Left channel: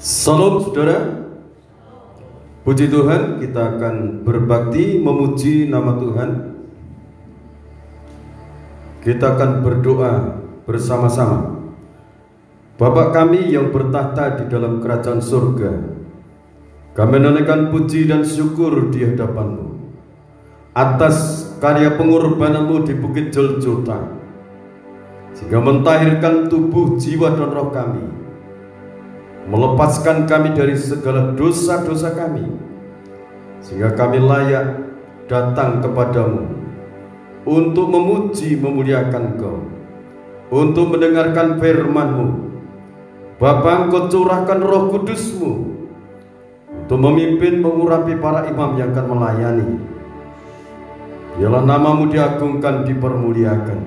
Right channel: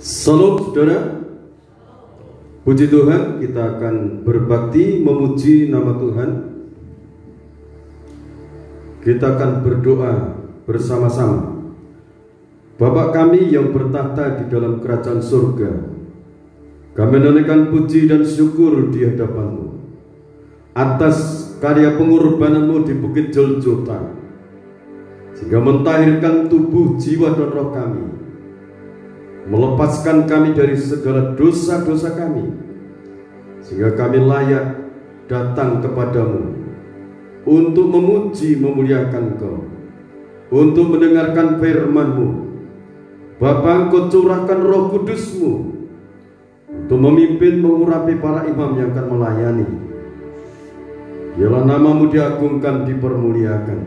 Salam saudara, puji Tuhan, kita akan berbakti memuji nama Tuhan. Kita akan berdoa bersama-sama. Bapa kami yang bertahta di dalam kerajaan surga, kami menaikkan puji dan syukur di hadapan-Mu atas karya pengorbanan-Mu di Bukit Joljota, sehingga mentahirkan tubuh, jiwa, dan roh kami, melepaskan kami dari segala dosa-dosa kami, sehingga kami layak datang kepadamu untuk memuji, memuliakan Engkau, untuk mendengarkan firman-Mu. Bapa, Engkau curahkan Roh Kudus-Mu untuk memimpin, mengurapi para imam yang akan melayani. Biarlah nama-Mu diagungkan, dipermuliakan.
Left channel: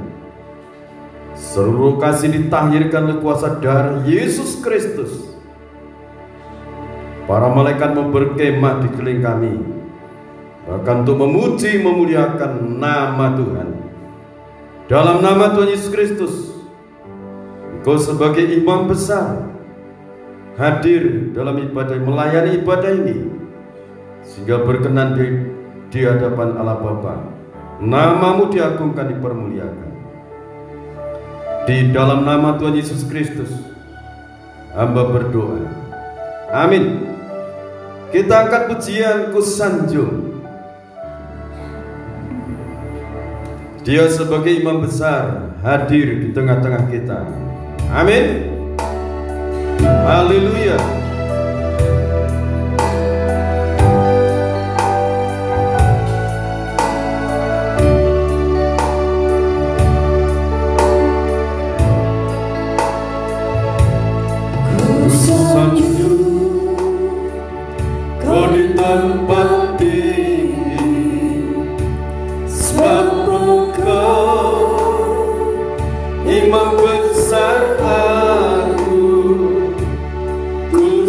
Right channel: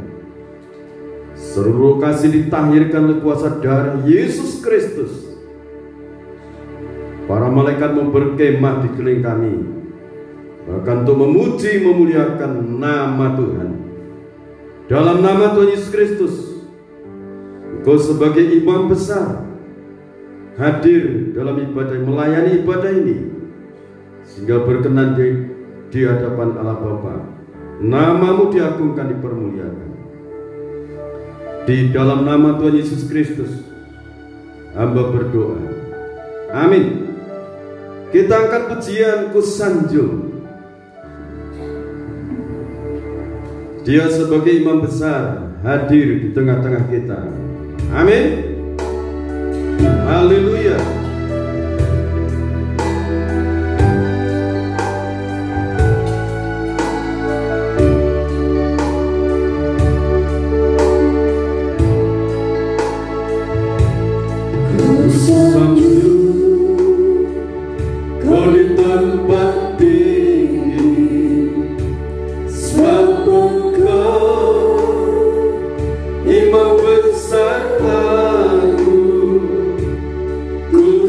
Seluruh kasih ditahirkan oleh kuasa darah Yesus Kristus. Para malaikat berkemah di keliling kami, bahkan untuk memuji, memuliakan nama Tuhan. Dalam nama Tuhan Yesus Kristus, Engkau sebagai imam besar hadir dalam ibadah, melayani ibadah ini, sehingga berkenan di hadapan Allah Bapa. Nama-Mu diagungkan, dipermuliakan. Di dalam nama Tuhan Yesus Kristus hamba berdoa, amin. Kita angkat pujian Kusanjung. Dia sebagai imam besar hadir di tengah-tengah kita. Amin. Haleluya. Imam besar aku, ku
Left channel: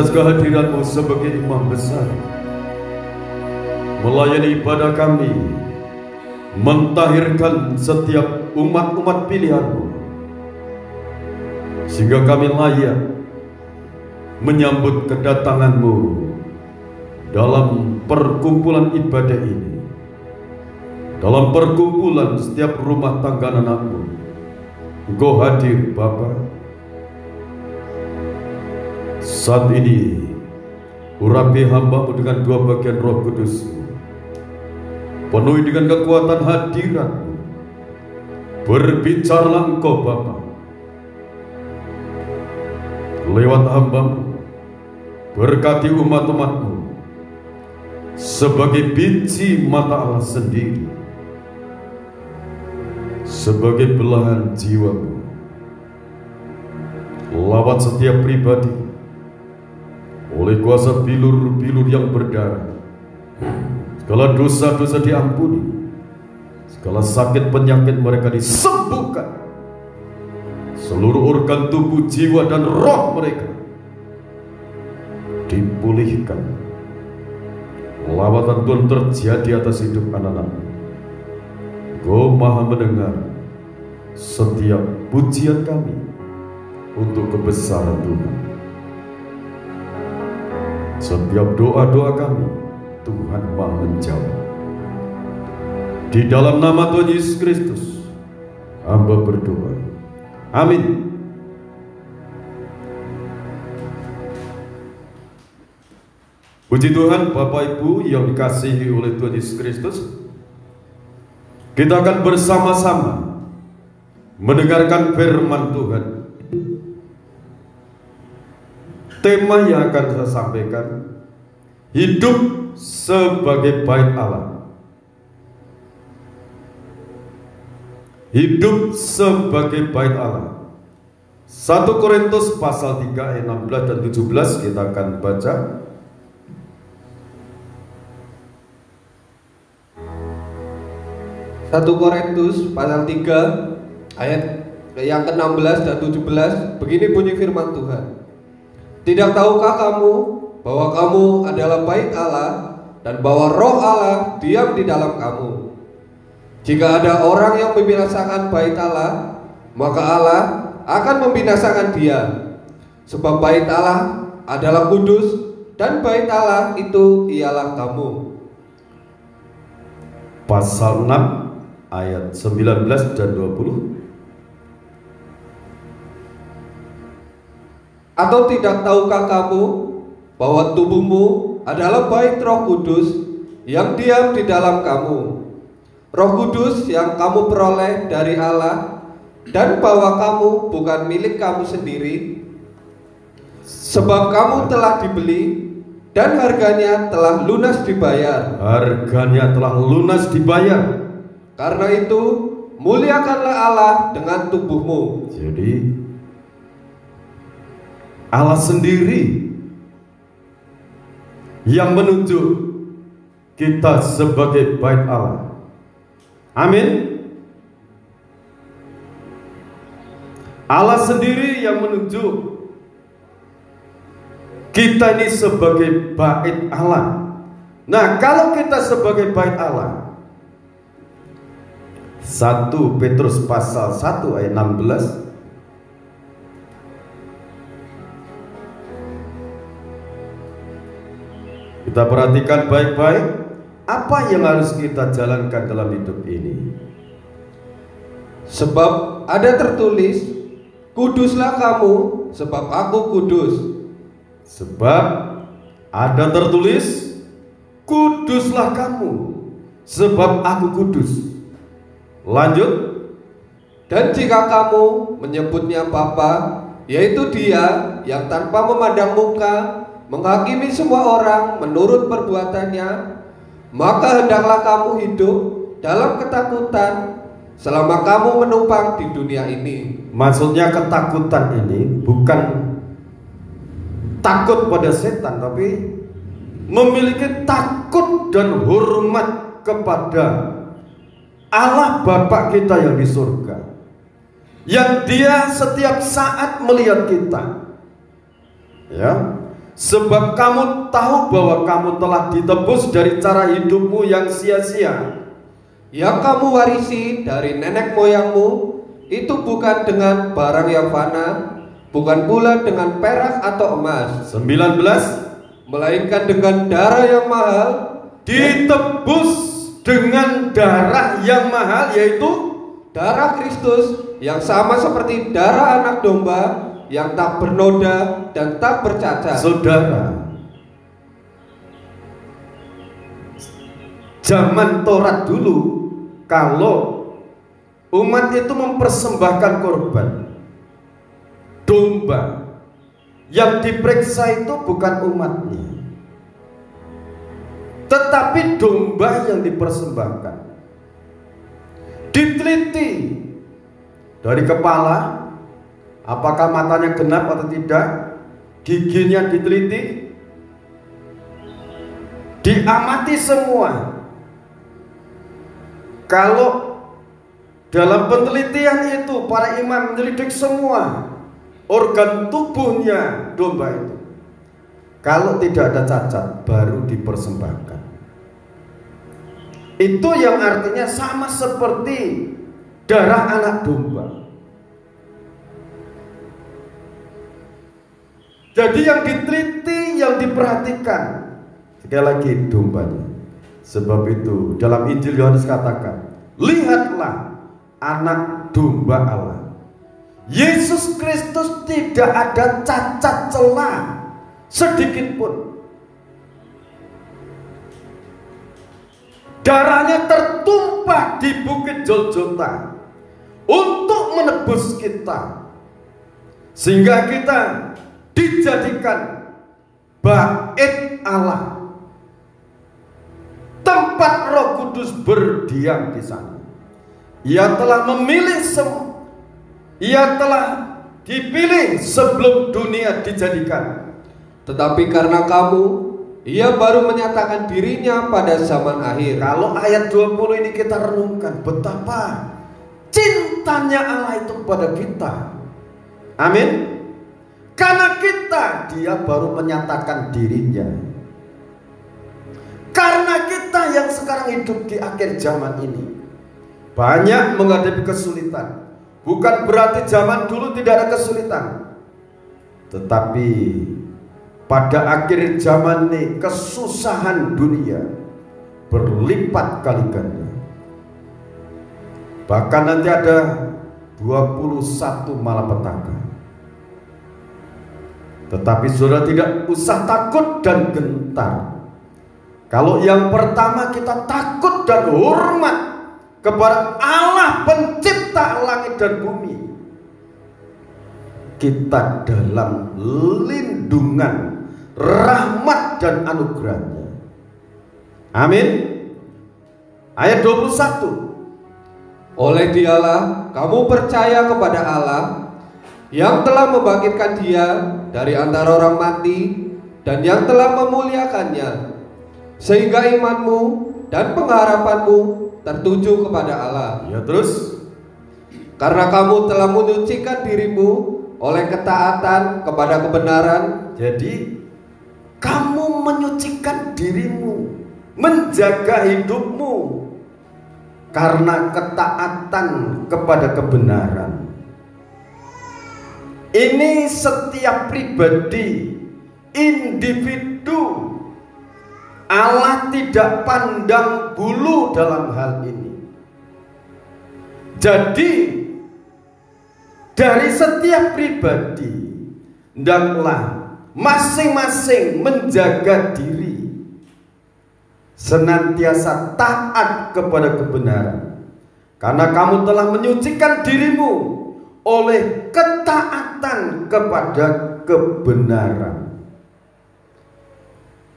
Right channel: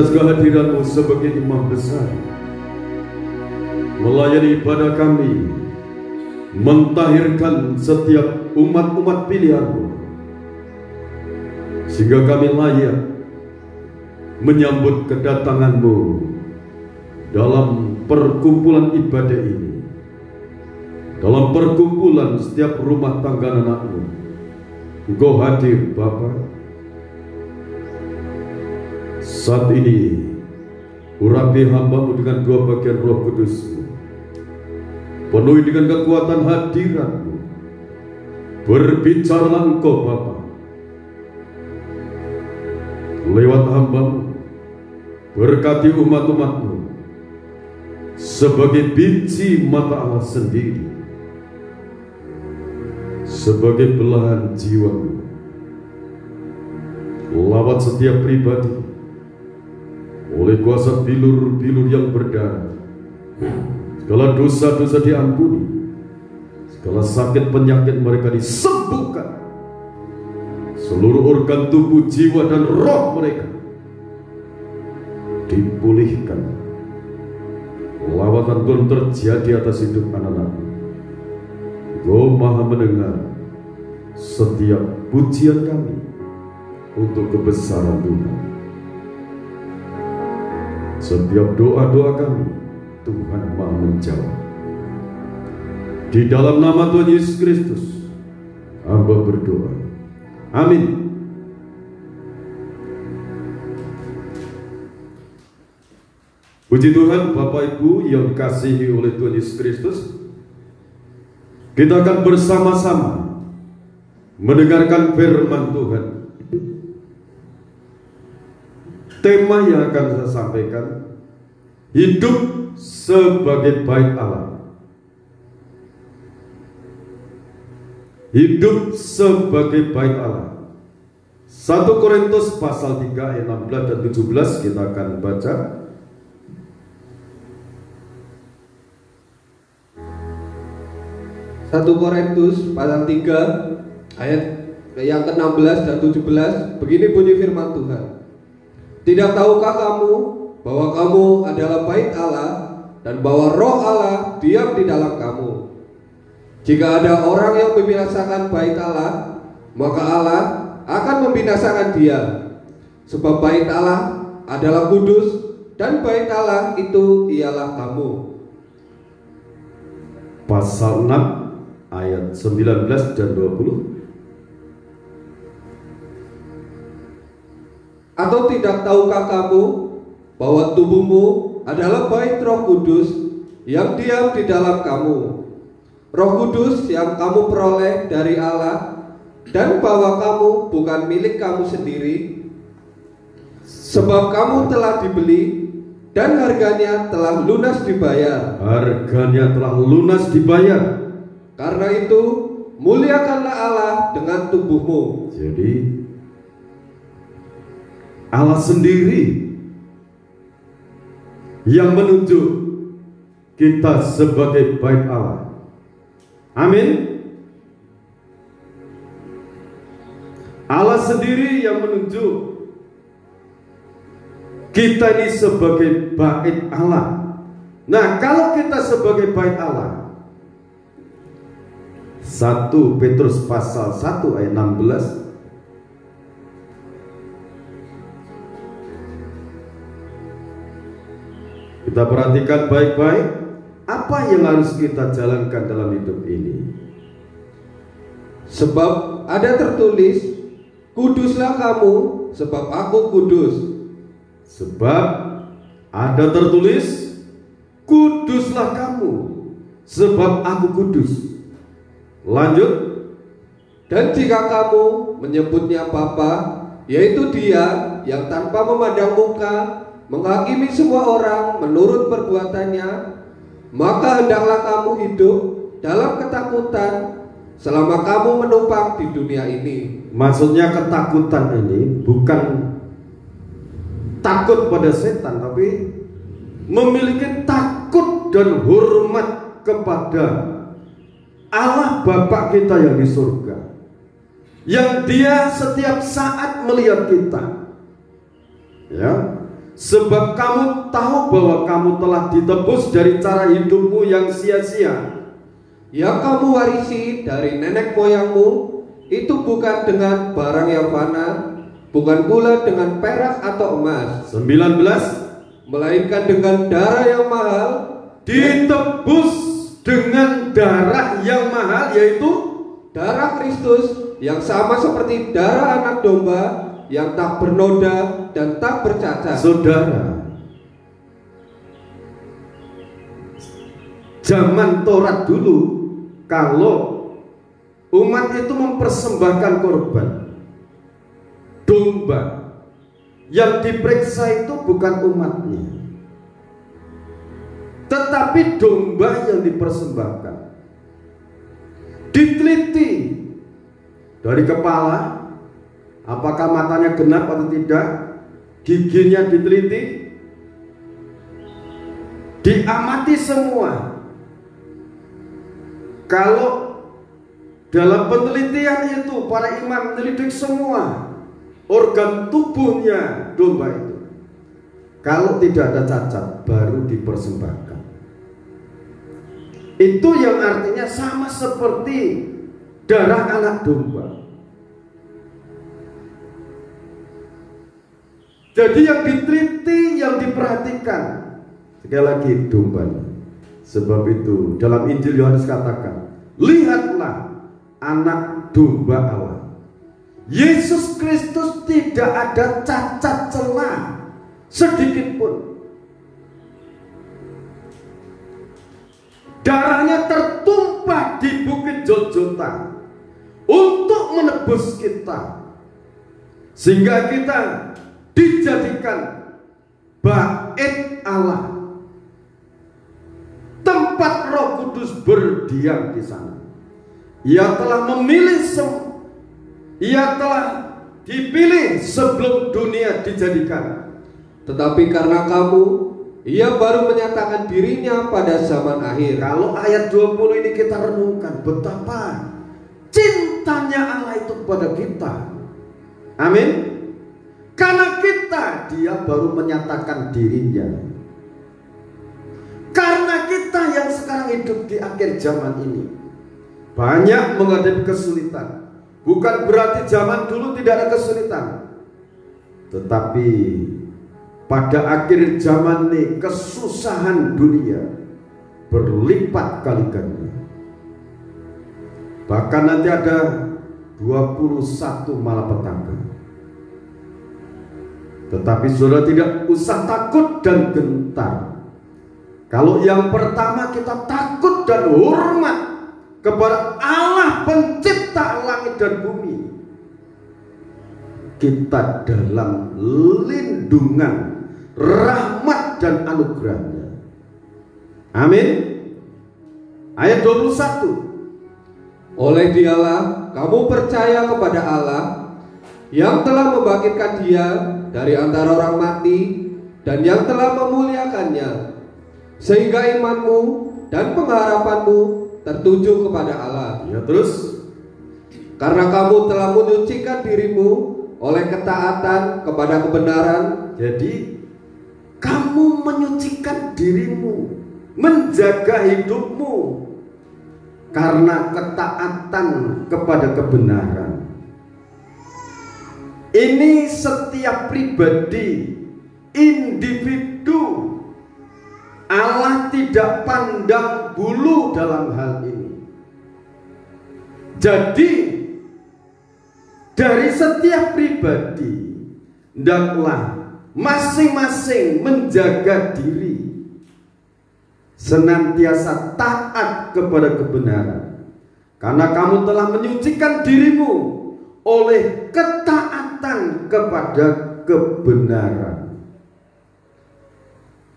atas kehadiran-Mu sebagai imam besar, melayani ibadah kami, mentahirkan setiap umat-umat pilihan-Mu, sehingga kami layak menyambut kedatangan-Mu dalam perkumpulan ibadah ini, dalam perkumpulan setiap rumah tangga anak-Mu. Engkau hadir Bapa. Saat ini urapi hamba-Mu dengan dua bagian Roh Kudus, penuhi dengan kekuatan hadirat-Mu. Berbicaralah Engkau Bapa lewat hamba-Mu, berkati umat-umat-Mu sebagai biji mata Allah sendiri, sebagai belahan jiwa-Mu. Lawat setiap pribadi oleh kuasa bilur-bilur yang berdarah, segala dosa-dosa diampuni, segala sakit penyakit mereka disembuhkan, seluruh organ tubuh, jiwa dan roh mereka dipulihkan. Lawatan Tuhan terjadi atas hidup anak-anak-Mu. Engkau Maha mendengar setiap pujian kami untuk kebesaran Tuhan. Setiap doa-doa kami, Tuhan Maha menjawab. Di dalam nama Tuhan Yesus Kristus, hamba berdoa. Amin. Puji Tuhan, Bapak Ibu yang dikasihi oleh Tuhan Yesus Kristus. Kita akan bersama-sama mendengarkan firman Tuhan. Tema yang akan saya sampaikan, hidup sebagai bait Allah. Hidup sebagai bait Allah. 1 Korintus pasal 3 ayat 16 dan 17 kita akan baca. 1 Korintus pasal 3 ayat yang ke-16 dan 17, begini bunyi firman Tuhan. Tidak tahukah kamu bahwa kamu adalah bait Allah dan bahwa roh Allah diam di dalam kamu? Jika ada orang yang membinasakan bait Allah, maka Allah akan membinasakan dia. Sebab bait Allah adalah kudus dan bait Allah itu ialah kamu. Pasal 6 ayat 19 dan 20. Atau tidak tahukah kamu bahwa tubuhmu adalah bait Roh Kudus yang diam di dalam kamu, Roh Kudus yang kamu peroleh dari Allah, dan bahwa kamu bukan milik kamu sendiri, sebab kamu telah dibeli dan harganya telah lunas dibayar. Harganya telah lunas dibayar. Karena itu muliakanlah Allah dengan tubuhmu. Jadi Allah sendiri yang menunjuk kita sebagai bait Allah. Amin. Allah sendiri yang menunjuk kita ini sebagai bait Allah. Nah, kalau kita sebagai bait Allah, 1 Petrus pasal 1 ayat 16, kita perhatikan baik-baik apa yang harus kita jalankan dalam hidup ini. Sebab ada tertulis, kuduslah kamu sebab aku kudus. Sebab ada tertulis, kuduslah kamu sebab aku kudus. Lanjut. Dan jika kamu menyebutnya Bapa, yaitu Dia yang tanpa memandang muka menghakimi semua orang menurut perbuatannya, maka hendaklah kamu hidup dalam ketakutan selama kamu menumpang di dunia ini. Maksudnya ketakutan ini bukan takut pada setan, tapi memiliki takut dan hormat kepada Allah Bapa kita yang di surga, yang Dia setiap saat melihat kita. Ya, sebab kamu tahu bahwa kamu telah ditebus dari cara hidupmu yang sia-sia yang kamu warisi dari nenek moyangmu, itu bukan dengan barang yang fana, bukan pula dengan perak atau emas. 19. Melainkan dengan darah yang mahal, ditebus dengan darah yang mahal, yaitu darah Kristus, yang sama seperti darah anak domba, yang tak bernoda dan tak bercacat. Saudara, zaman Taurat dulu, kalau umat itu mempersembahkan korban domba, yang diperiksa itu bukan umatnya, tetapi domba yang dipersembahkan. Diteliti dari kepala, apakah matanya genap atau tidak, giginya diteliti, diamati semua. Kalau dalam penelitian itu para imam menyelidik semua organ tubuhnya domba itu, kalau tidak ada cacat baru dipersembahkan. Itu yang artinya sama seperti darah anak domba. Jadi yang diteliti, yang diperhatikan sekali lagi dombanya. Sebab itu dalam Injil Yohanes katakan, lihatlah anak domba Allah. Yesus Kristus tidak ada cacat celah sedikit pun. Darahnya tertumpah di bukit Golgota untuk menebus kita, sehingga kita dijadikan bait Allah, tempat Roh Kudus berdiam di sana. Ia telah memilih ia telah dipilih sebelum dunia dijadikan. Tetapi karena kamu, ia baru menyatakan dirinya pada zaman akhir. Kalau ayat 20 ini kita renungkan, betapa cintanya Allah itu kepada kita. Amin. Karena kita, dia baru menyatakan dirinya. Karena kita yang sekarang hidup di akhir zaman ini banyak menghadapi kesulitan. Bukan berarti zaman dulu tidak ada kesulitan, tetapi pada akhir zaman ini kesusahan dunia berlipat kali ganda. Bahkan nanti ada 21 malapetaka. Tetapi saudara tidak usah takut dan gentar. Kalau yang pertama kita takut dan hormat kepada Allah pencipta langit dan bumi, kita dalam lindungan, rahmat dan anugerahnya. Amin. Ayat 21. Oleh dialah kamu percaya kepada Allah yang telah membangkitkan dia dari antara orang mati dan yang telah memuliakannya, sehingga imanmu dan pengharapanmu tertuju kepada Allah. Ya, terus, karena kamu telah menyucikan dirimu oleh ketaatan kepada kebenaran. Jadi kamu menyucikan dirimu, menjaga hidupmu karena ketaatan kepada kebenaran. Ini setiap pribadi, individu. Allah tidak pandang bulu dalam hal ini. Jadi dari setiap pribadi, hendaklah masing-masing menjaga diri, senantiasa taat kepada kebenaran, karena kamu telah menyucikan dirimu oleh ketaatan kepada kebenaran.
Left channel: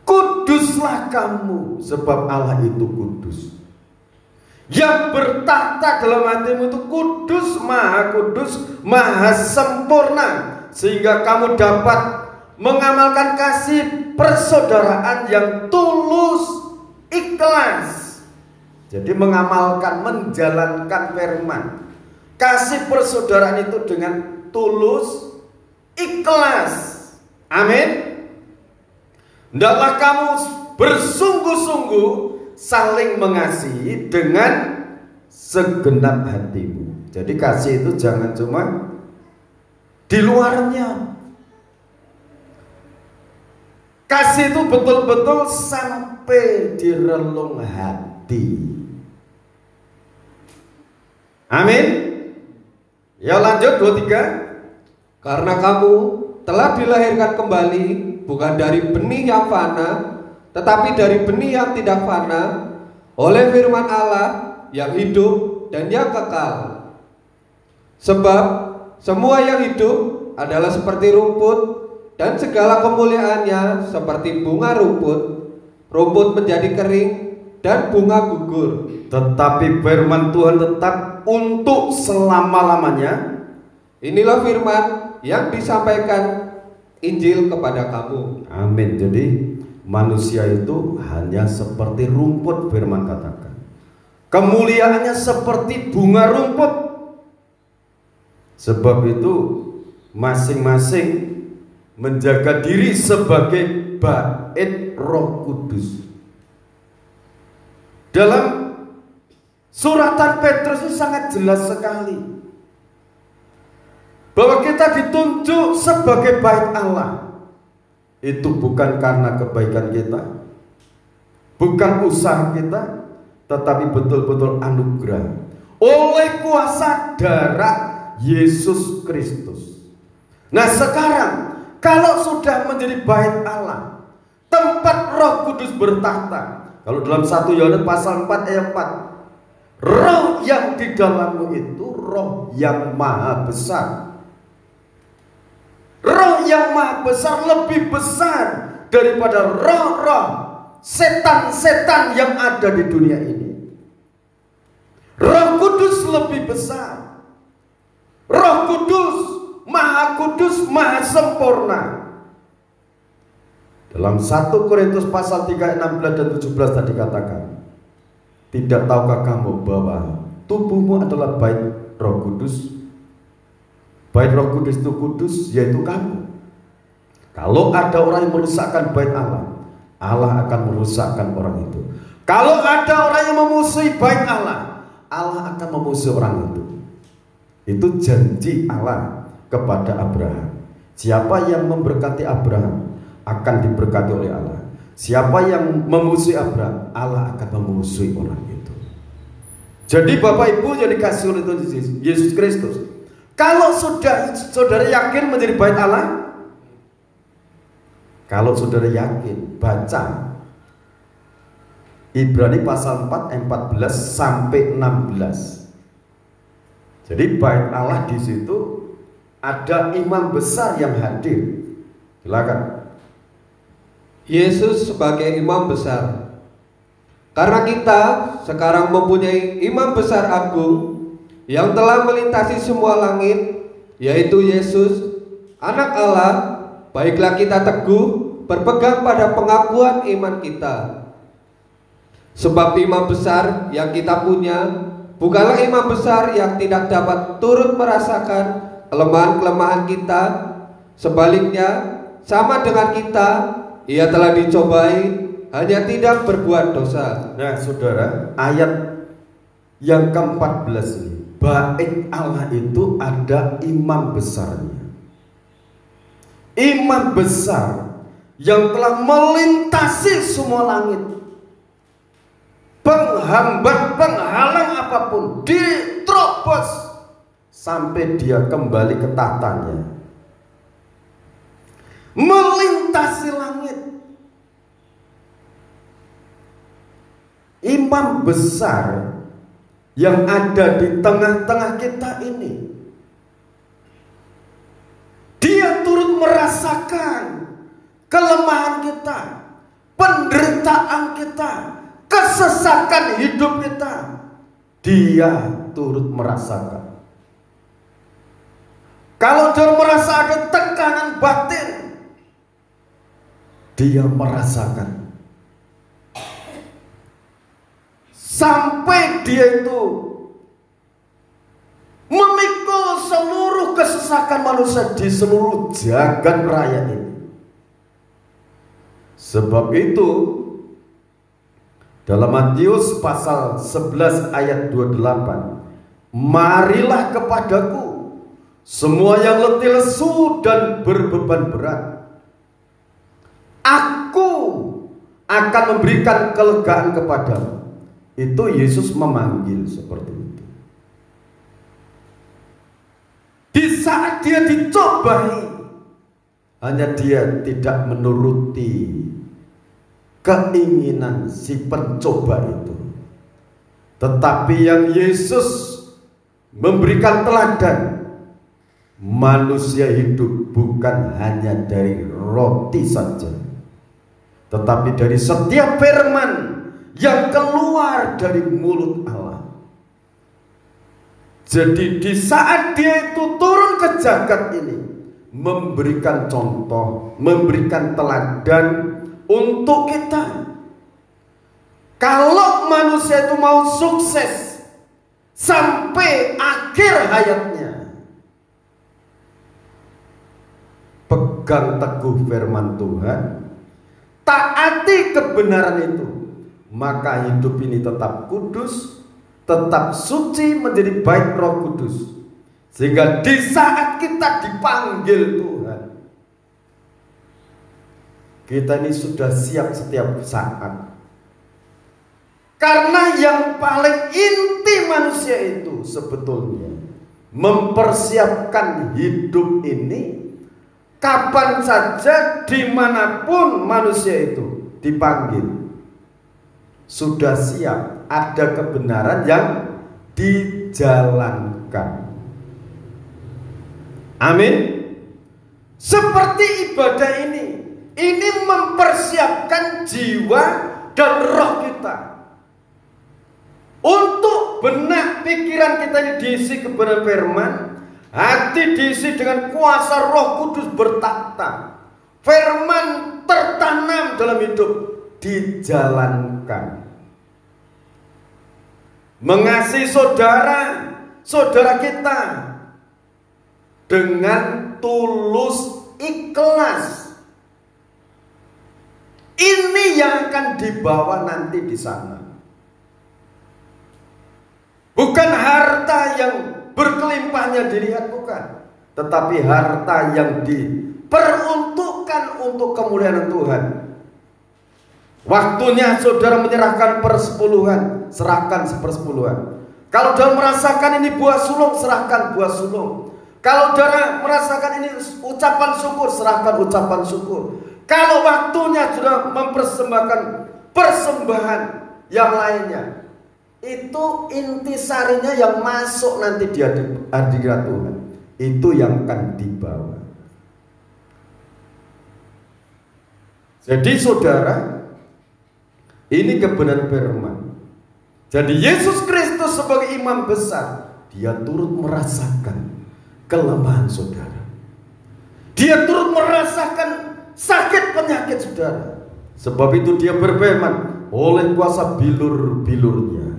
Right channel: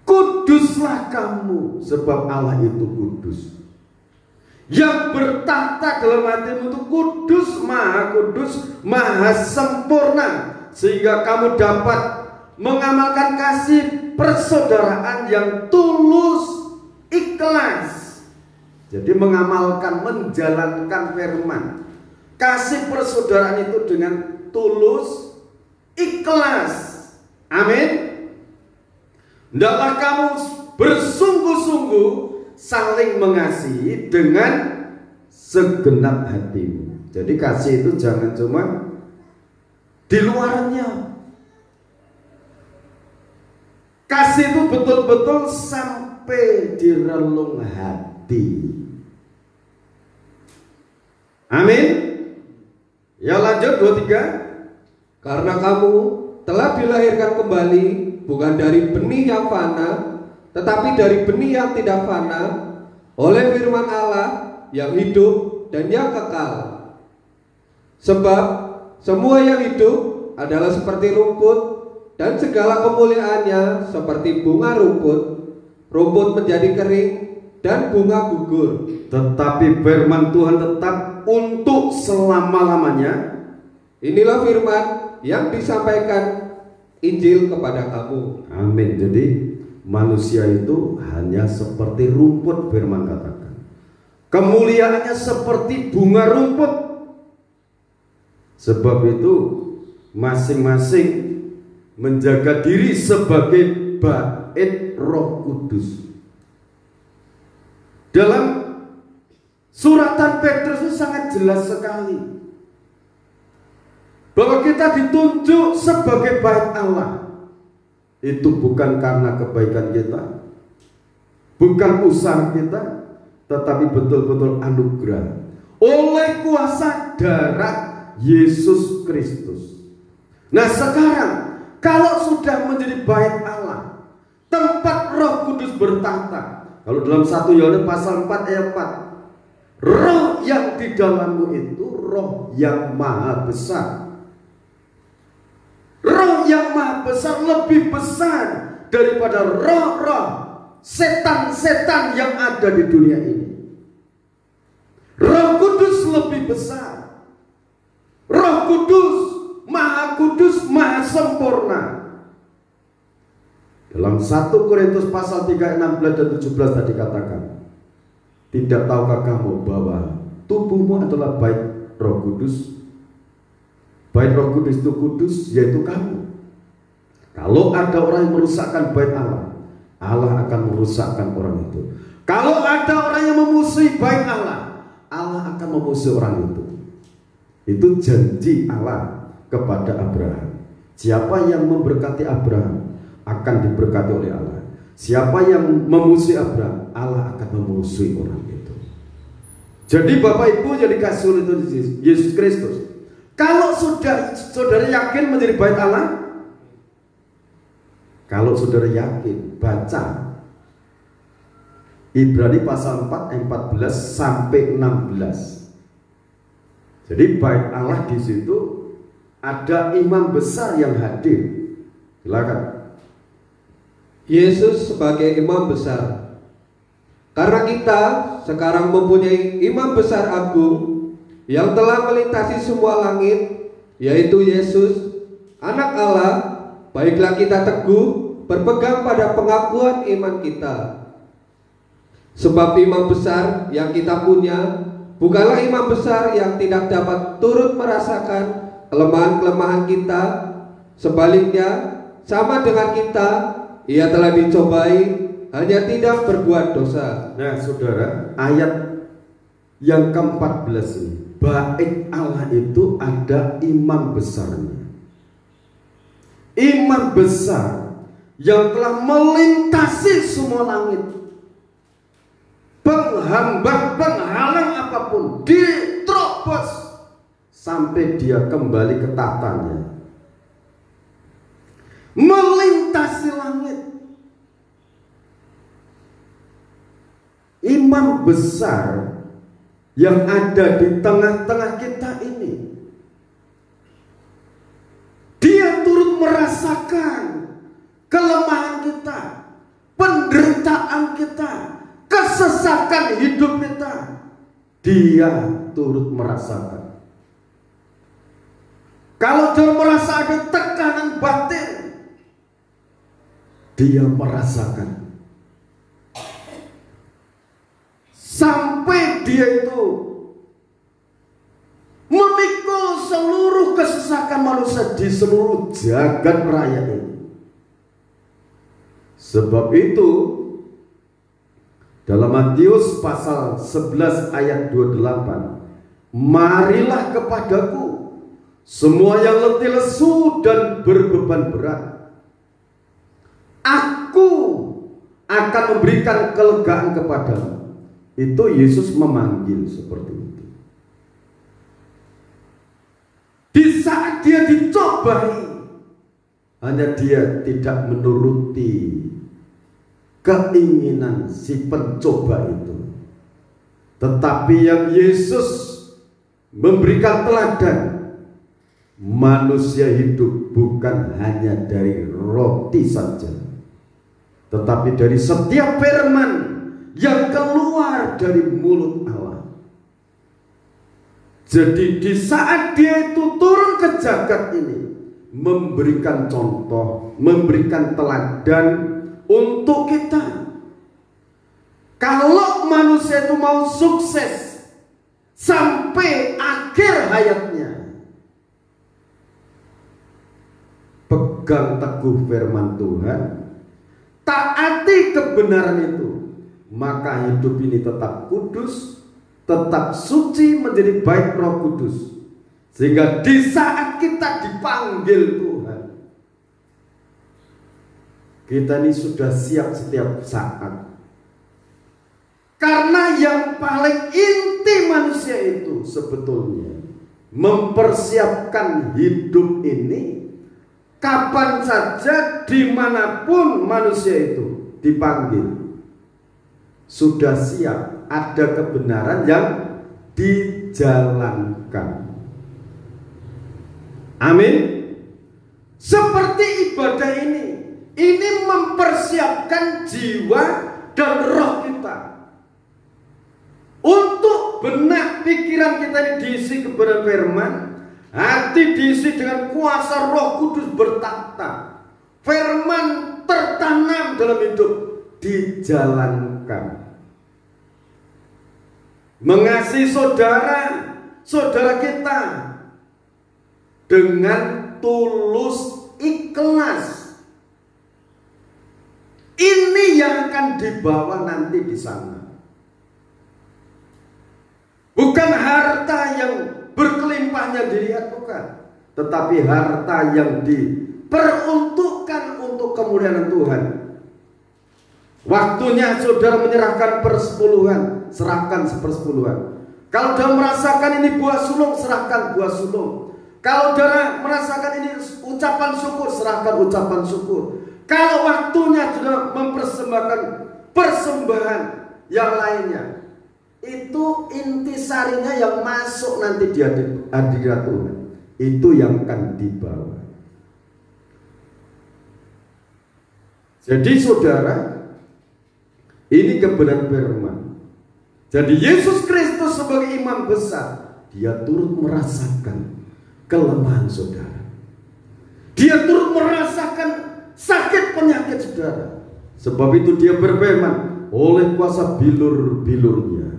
Kuduslah kamu, sebab Allah itu kudus. Yang bertahta dalam hatimu itu kudus, maha sempurna, sehingga kamu dapat mengamalkan kasih persaudaraan yang tulus, ikhlas. Jadi mengamalkan, menjalankan firman, kasih persaudaraan itu dengan tulus, ikhlas. Amin. Hendaklah kamu bersungguh-sungguh saling mengasihi dengan segenap hatimu. Jadi kasih itu jangan cuma di luarnya. Kasih itu betul-betul sampai di relung hati. Amin. Ya lanjut 23. Karena kamu telah dilahirkan kembali bukan dari benih yang fana, tetapi dari benih yang tidak fana, oleh firman Allah yang hidup dan yang kekal. Sebab semua yang hidup adalah seperti rumput, dan segala kemuliaannya seperti bunga rumput. Rumput menjadi kering dan bunga gugur, tetapi firman Tuhan tetap untuk selama-lamanya. Inilah firman yang disampaikan Injil kepada kamu. Amin. Jadi manusia itu hanya seperti rumput, firman katakan. Kemuliaannya seperti bunga rumput. Sebab itu masing-masing menjaga diri sebagai bait Roh Kudus. Dalam suratan Petrus itu sangat jelas sekali bahwa kita ditunjuk sebagai bait Allah. Itu bukan karena kebaikan kita, bukan usaha kita, tetapi betul-betul anugerah oleh kuasa darah Yesus Kristus. Nah sekarang, kalau sudah menjadi bait Allah, tempat Roh Kudus bertahta. Kalau dalam 1 Yohanes pasal 4 ayat 4, roh yang di dalammu itu roh yang maha besar. Roh yang maha besar lebih besar daripada roh-roh setan-setan yang ada di dunia ini. Roh Kudus lebih besar. Roh Kudus, maha sempurna. Dalam 1 Korintus pasal 3 16 dan 17 tadi katakan, tidak tahukah kamu bahwa tubuhmu adalah bait Roh Kudus? Bait Roh Kudus itu kudus, yaitu kamu. Kalau ada orang yang merusakkan bait Allah, Allah akan merusakkan orang itu. Kalau ada orang yang memusuhi bait Allah, Allah akan memusuhi orang itu. Itu janji Allah kepada Abraham. Siapa yang memberkati Abraham akan diberkati oleh Allah. Siapa yang memusuhi Abraham, Allah akan memusuhi orang itu. Jadi Bapak Ibu yang dikasih oleh Tuhan Yesus Kristus, kalau sudah saudara yakin menjadi bait Allah, kalau saudara yakin, baca Ibrani pasal 4 ayat 14 sampai 16. Jadi bait Allah di situ ada imam besar yang hadir. Silakan. Yesus sebagai imam besar. Karena kita sekarang mempunyai imam besar agung yang telah melintasi semua langit, yaitu Yesus, Anak Allah, baiklah kita teguh berpegang pada pengakuan iman kita. Sebab imam besar yang kita punya bukanlah imam besar yang tidak dapat turut merasakan kelemahan-kelemahan kita. Sebaliknya, sama dengan kita, ia telah dicobai, hanya tidak berbuat dosa. Nah saudara, ayat yang ke-14 ini, bait Allah itu ada imam besarnya. Imam besar yang telah melintasi semua langit, penghambat, penghalang apapun, diterobos sampai dia kembali ke tahtanya, melintasi langit. Imam besar yang ada di tengah-tengah kita ini, dia turut merasakan kelemahan kita, penderitaan kita, kesesakan hidup kita. Dia turut merasakan. Kalau dia merasa ada tekanan batin, dia merasakan. Sampai dia itu memikul seluruh kesesakan manusia di seluruh jagat raya ini. Sebab itu dalam Matius pasal 11 ayat 28, marilah kepadaku semua yang letih lesu dan berbeban berat, aku akan memberikan kelegaan kepadamu. Itu Yesus memanggil seperti itu. Di saat dia dicobai, hanya dia tidak menuruti keinginan si pencoba itu, tetapi yang Yesus memberikan teladan, manusia hidup bukan hanya dari roti saja, tetapi dari setiap firman yang keluar dari mulut Allah. Jadi di saat dia itu turun ke jagat ini, memberikan contoh, memberikan teladan untuk kita. Kalau manusia itu mau sukses sampai akhir hayatnya, pegang teguh firman Tuhan, taati kebenaran itu, maka hidup ini tetap kudus, tetap suci, menjadi baik Roh Kudus. Sehingga di saat kita dipanggil Tuhan, kita ini sudah siap setiap saat. Karena yang paling inti manusia itu sebetulnya mempersiapkan hidup ini kapan saja, dimanapun manusia itu dipanggil, sudah siap, ada kebenaran yang dijalankan. Amin. Seperti ibadah ini mempersiapkan jiwa dan roh kita untuk benak pikiran kita ini diisi kebenaran firman, hati diisi dengan kuasa Roh Kudus bertata, firman tertanam dalam hidup, dijalankan. Mengasihi saudara kita dengan tulus ikhlas. Ini yang akan dibawa nanti di sana. Bukan harta yang berkelimpahannya dilihat, bukan, tetapi harta yang diperuntukkan untuk kemuliaan Tuhan. Waktunya saudara menyerahkan persepuluhan, serahkan sepersepuluhan. Kalau saudara merasakan ini buah sulung, serahkan buah sulung. Kalau saudara merasakan ini ucapan syukur, serahkan ucapan syukur. Kalau waktunya sudah mempersembahkan persembahan yang lainnya, itu intisarinya yang masuk nanti di hadirat Tuhan, itu yang akan dibawa. Jadi saudara, ini kebenaran firman. Jadi Yesus Kristus sebagai imam besar, dia turut merasakan kelemahan saudara. Dia turut merasakan sakit penyakit saudara. Sebab itu dia berfirman, oleh kuasa bilur-bilurnya,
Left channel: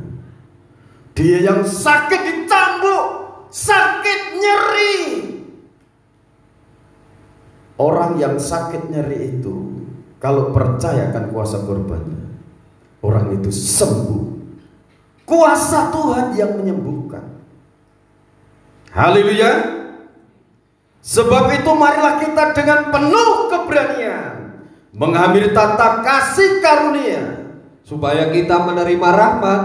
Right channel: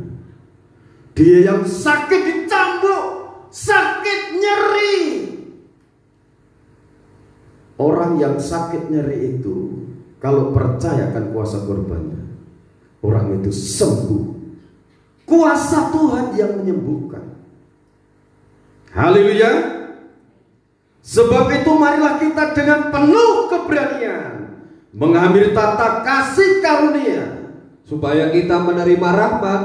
dia yang sakit dicambuk, sakit nyeri. Orang yang sakit nyeri itu, kalau percayakan kuasa korbannya, orang itu sembuh. Kuasa Tuhan yang menyembuhkan. Haleluya. Sebab itu marilah kita dengan penuh keberanian mengambil tata kasih karunia, supaya kita menerima rahmat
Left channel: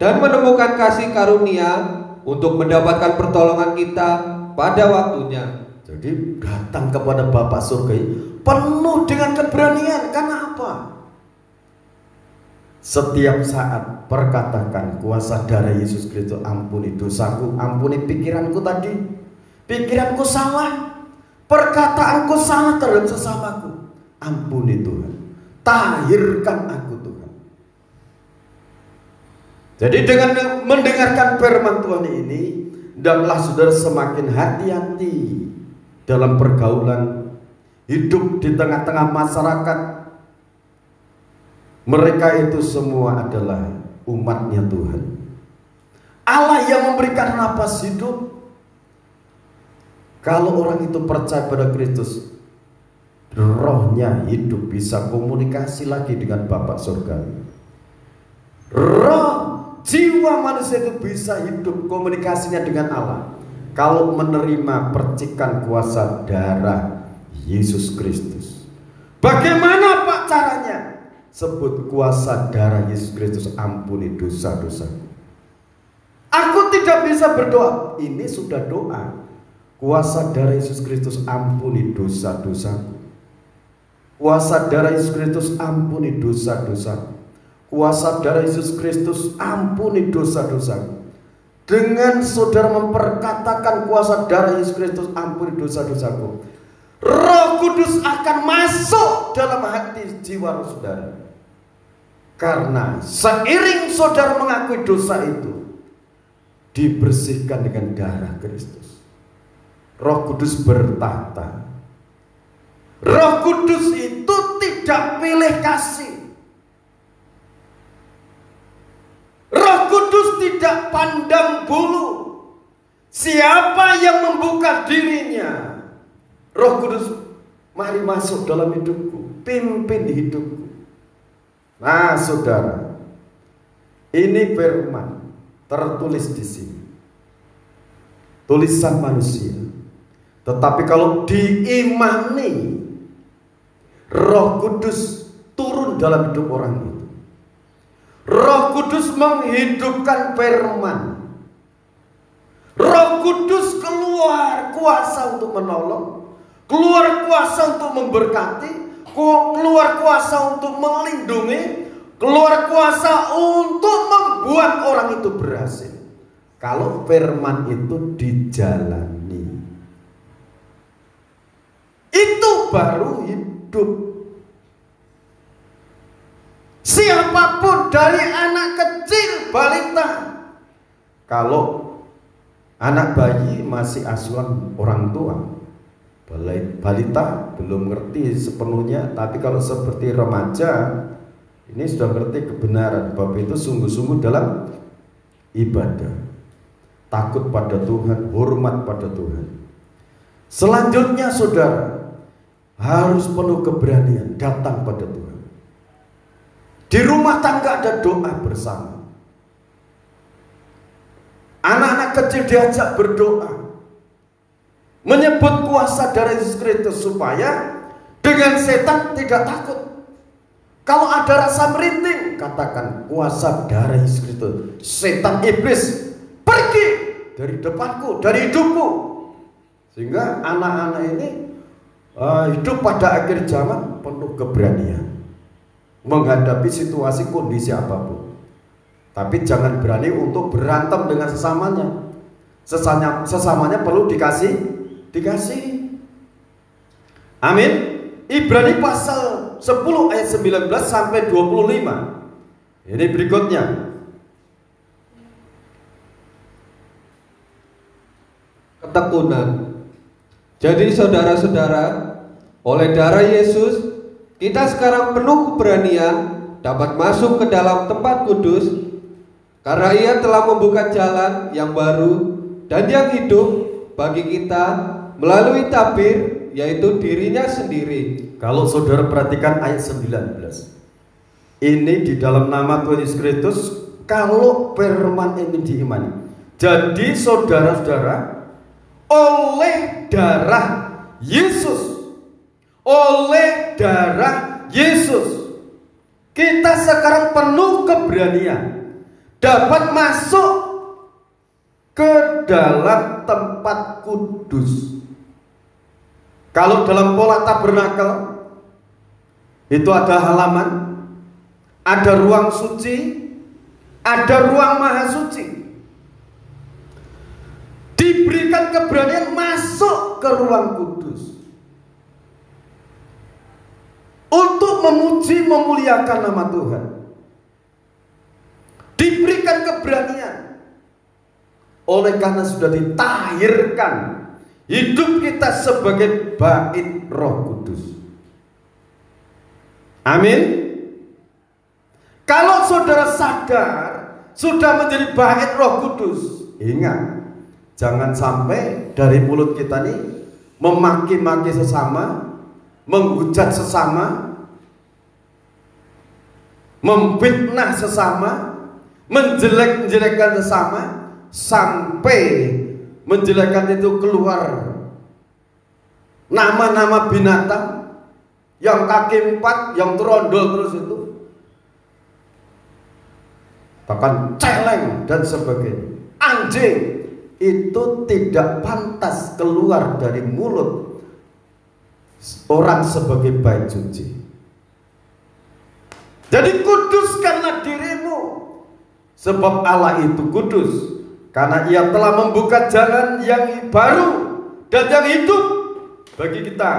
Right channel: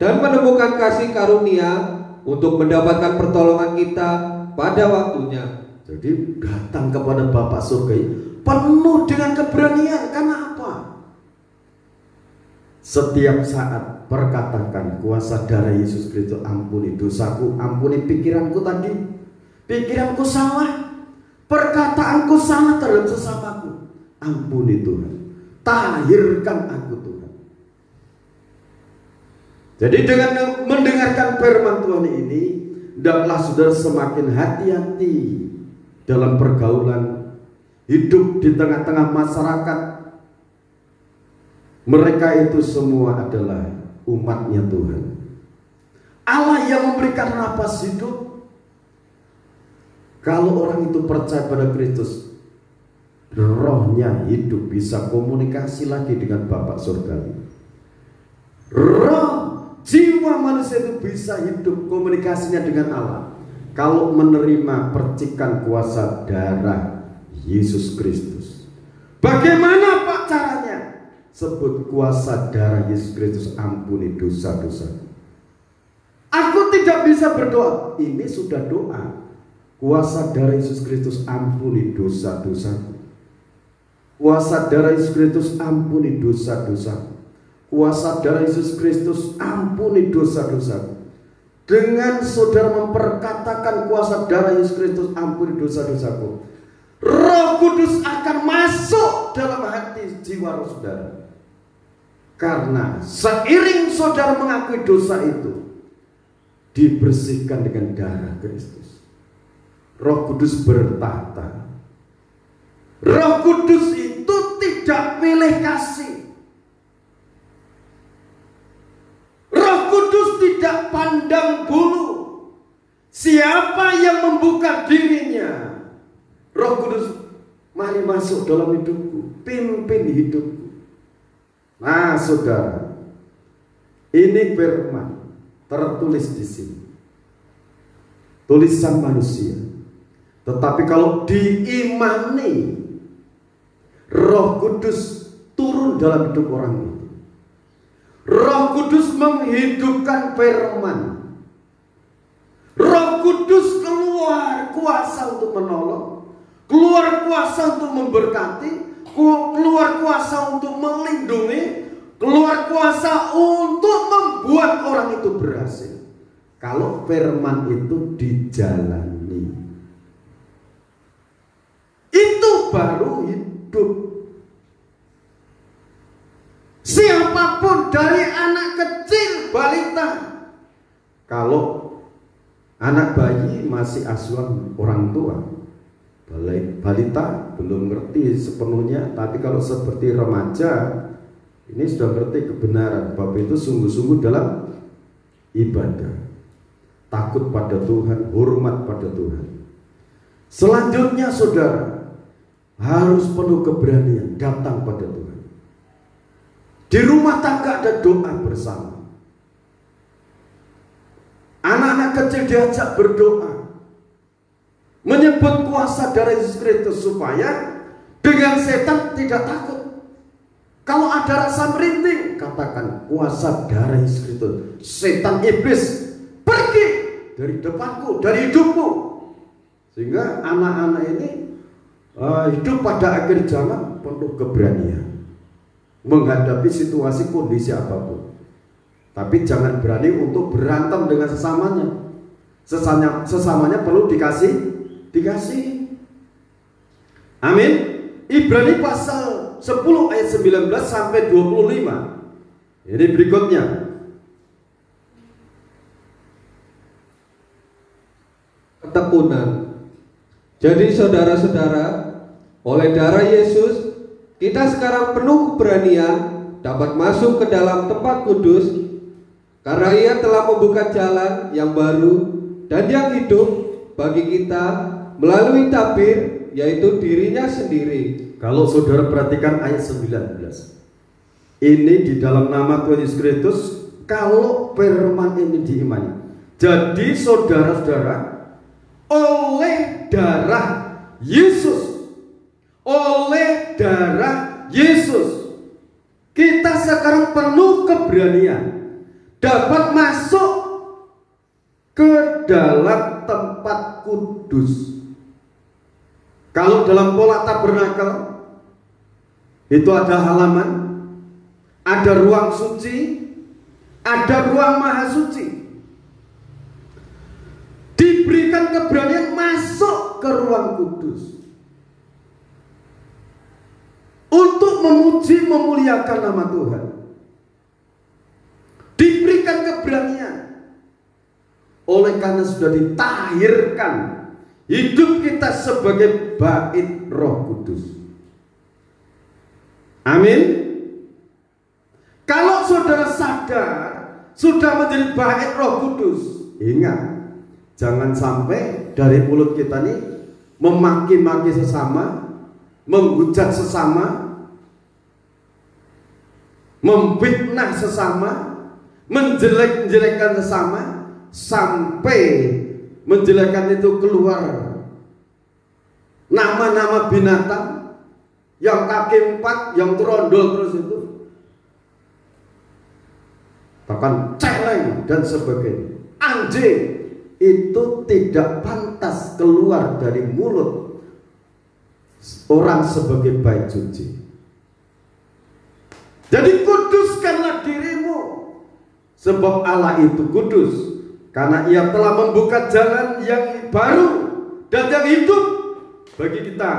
dan menemukan kasih karunia untuk mendapatkan pertolongan kita pada waktunya. Jadi datang kepada Bapa surga penuh dengan keberanian. Karena apa? Setiap saat perkatakan, kuasa darah Yesus Kristus ampuni dosaku, ampuni pikiranku tadi. Pikiranku salah, perkataanku salah terhadap sesamaku, ampuni Tuhan, tahirkan aku Tuhan. Jadi dengan mendengarkan firman Tuhan ini, hendaklah saudara semakin hati-hati dalam pergaulan, hidup di tengah-tengah masyarakat. Mereka itu semua adalah umatnya Tuhan, Allah yang memberikan napas hidup. Kalau orang itu percaya pada Kristus, rohnya hidup, bisa komunikasi lagi dengan Bapa surgawi. Roh jiwa manusia itu bisa hidup komunikasinya dengan Allah kalau menerima percikan kuasa darah Yesus Kristus. Bagaimana Pak caranya? Sebut kuasa darah Yesus Kristus, ampuni dosa-dosa. Aku tidak bisa berdoa. Ini sudah doa. Kuasa darah Yesus Kristus, ampuni dosa-dosa. Kuasa darah Yesus Kristus, ampuni dosa-dosa. Kuasa darah Yesus Kristus, ampuni dosa-dosa. Dengan saudara memperkatakan kuasa darah Yesus Kristus, ampuni dosa-dosaku, Roh Kudus akan masuk dalam hati jiwa saudara. Karena seiring saudara mengakui dosa itu, dibersihkan dengan darah Kristus. Roh Kudus bertahta. Roh Kudus itu tidak pilih kasih. Roh Kudus tidak pandang bulu. Siapa yang membuka dirinya, Roh Kudus, mari masuk dalam hidupku, pimpin hidupku. Nah saudara, ini firman tertulis di sini, tulisan manusia. Tetapi kalau diimani, Roh Kudus turun dalam hidup orang itu. Roh Kudus menghidupkan firman. Roh Kudus keluar kuasa untuk menolong, keluar kuasa untuk memberkati, keluar kuasa untuk melindungi, keluar kuasa untuk membuat orang itu berhasil. Kalau firman itu dijalani, itu baru hidup. Siapapun dari anak kecil, balita, kalau anak bayi masih asuhan orang tua, balita belum ngerti sepenuhnya, tapi kalau seperti remaja ini sudah ngerti kebenaran bahwa itu sungguh-sungguh dalam ibadah, takut pada Tuhan, hormat pada Tuhan. Selanjutnya saudara harus penuh keberanian datang pada Tuhan. Di rumah tangga ada doa bersama. Anak-anak kecil diajak berdoa, menyebut kuasa darah Yesus Kristus supaya dengan setan tidak takut. Kalau ada rasa merinding, katakan kuasa darah Yesus Kristus, setan iblis pergi dari depanku, dari hidupku. Sehingga anak-anak ini hidup pada akhir zaman penuh keberanian menghadapi situasi kondisi apapun. Tapi jangan berani untuk berantem dengan sesamanya. Sesamanya perlu dikasih. Amin. Ibrani pasal 10 ayat 19 sampai 25. Ini berikutnya. Ketekunan. Jadi saudara-saudara, oleh darah Yesus kita sekarang penuh keberanian dapat masuk ke dalam tempat kudus, karena Ia telah membuka jalan yang baru dan yang hidup bagi kita melalui tabir, yaitu dirinya sendiri. Kalau saudara perhatikan ayat 19, ini di dalam nama Tuhan Yesus Kristus, kalau firman ini diimani. Jadi saudara-saudara, oleh darah Yesus, oleh darah Yesus, kita sekarang penuh keberanian dapat masuk ke dalam tempat kudus. Kalau dalam pola tabernakel itu ada halaman, ada ruang suci, ada ruang maha suci. Diberikan keberanian masuk ke ruang kudus untuk memuji, memuliakan nama Tuhan. Diberikan keberanian oleh karena sudah ditahirkan hidup kita sebagai bait Roh Kudus. Amin. Kalau saudara sadar sudah menjadi bait Roh Kudus, ingat, jangan sampai dari mulut kita nih memaki-maki sesama, menghujat sesama, memfitnah sesama, menjelek-jelekkan sesama, sampai menjelekkan itu keluar nama-nama binatang yang kaki 4, yang terondol terus itu, bahkan celeng dan sebagainya. Anjing itu tidak pantas keluar dari mulut orang sebagai bait suci. Jadi kuduskanlah dirimu, sebab Allah itu kudus, karena Ia telah membuka jalan yang baru dan yang hidup bagi kita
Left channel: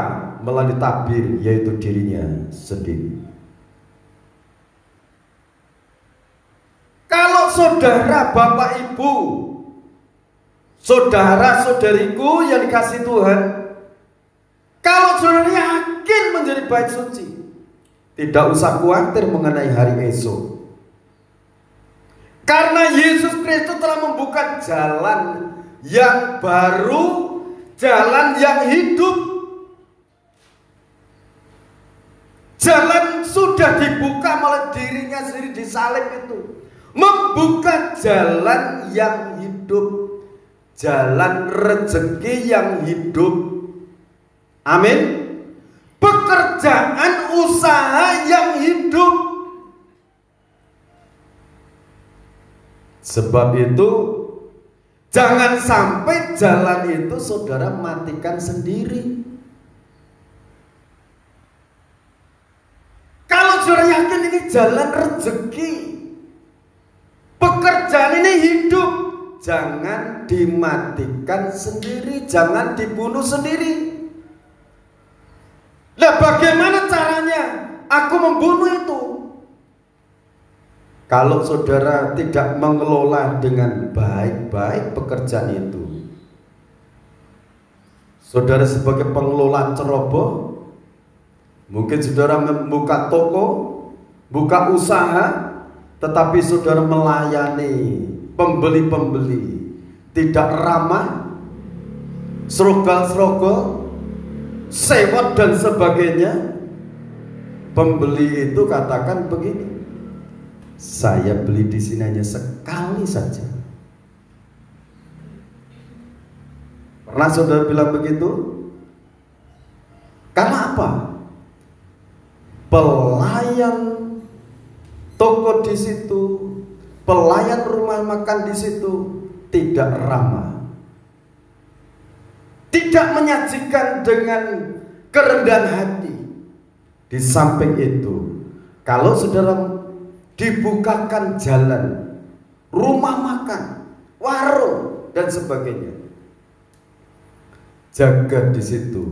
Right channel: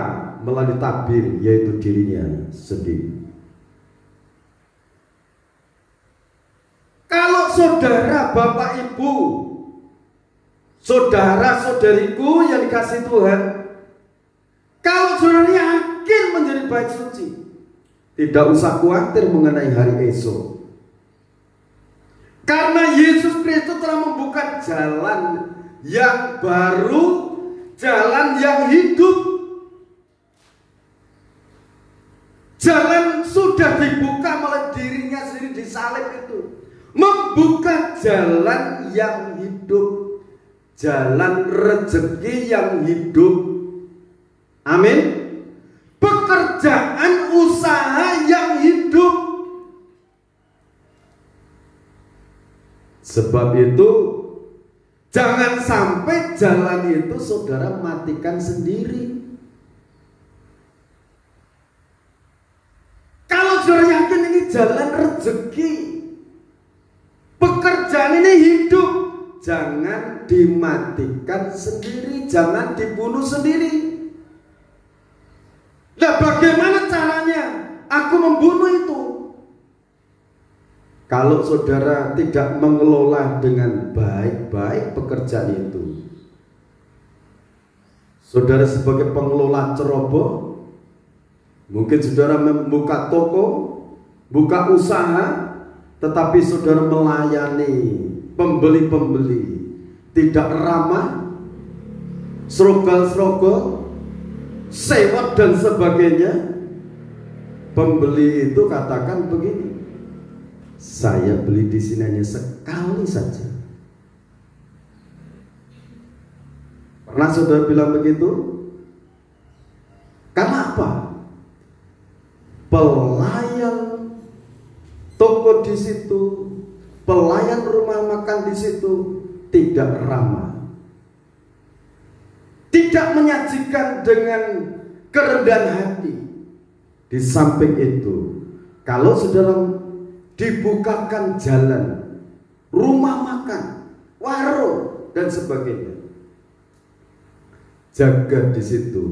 melalui tabir, yaitu dirinya sendiri. Kalau saudara, bapak, ibu, saudara, saudariku yang dikasih Tuhan, kalau saudara yakin menjadi bait suci, tidak usah khawatir mengenai hari esok. Karena Yesus Kristus telah membuka jalan yang baru, jalan yang hidup. Jalan sudah dibuka oleh dirinya sendiri di salib itu. Membuka jalan yang hidup, jalan rezeki yang hidup. Amin. Pekerjaan usaha yang hidup. Sebab itu jangan sampai jalan itu saudara matikan sendiri. Kalau saudara yakin ini jalan rezeki, pekerjaan ini hidup, jangan dimatikan sendiri, jangan dibunuh sendiri. Nah, bagaimana caranya aku membunuh itu? Kalau saudara tidak mengelola dengan baik-baik pekerjaan itu, saudara sebagai pengelola ceroboh, mungkin saudara membuka toko, buka usaha, tetapi saudara melayani pembeli-pembeli tidak ramah, serogol-serogol, sewot dan sebagainya. Pembeli itu katakan begini, saya beli di sini hanya sekali saja. Pernah saudara bilang begitu? Karena apa? Pelayan toko di situ, pelayan rumah makan di situ tidak ramah, tidak menyajikan dengan kerendahan hati. Di samping itu, kalau saudara dibukakan jalan, rumah makan, warung dan sebagainya, jaga di situ.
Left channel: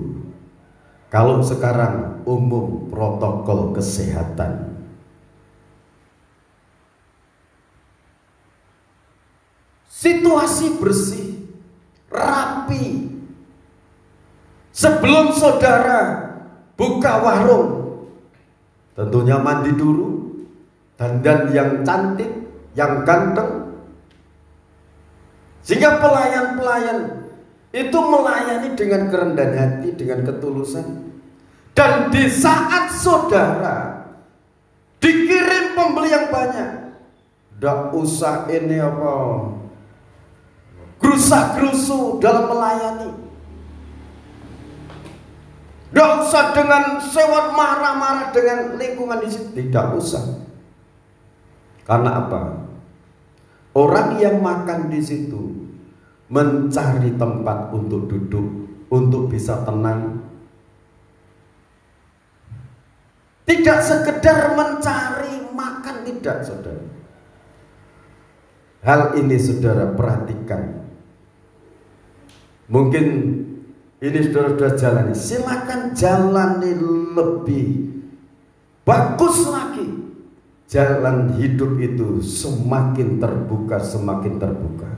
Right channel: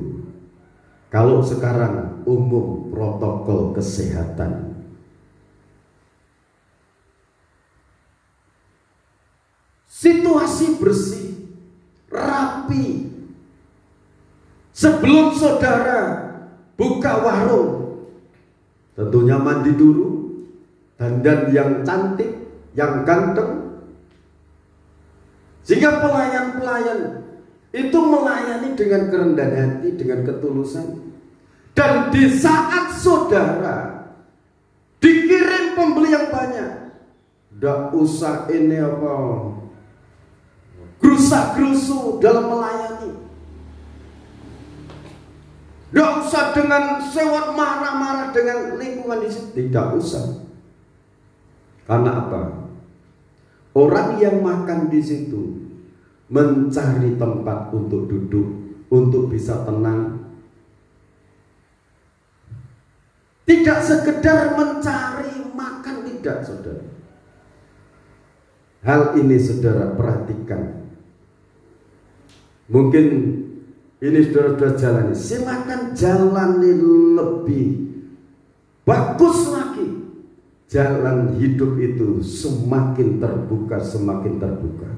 Kalau sekarang umum protokol kesehatan, situasi bersih, rapi. Sebelum saudara buka warung, tentunya mandi dulu, dandan yang cantik, yang ganteng, sehingga pelayan-pelayan itu melayani dengan kerendahan hati, dengan ketulusan. Dan di saat saudara dikirim pembeli yang banyak, tidak usah ini apa gerusa-gerusu dalam melayani, tidak usah dengan sewot marah-marah dengan lingkungan di situ, tidak usah. Karena apa? Orang yang makan di situ mencari tempat untuk duduk, untuk bisa tenang. Tidak sekedar mencari makan, tidak, saudara. Hal ini saudara perhatikan. Mungkin ini saudara sudah jalani, silakan jalani lebih bagus lagi. Jalan hidup itu semakin terbuka, semakin terbuka.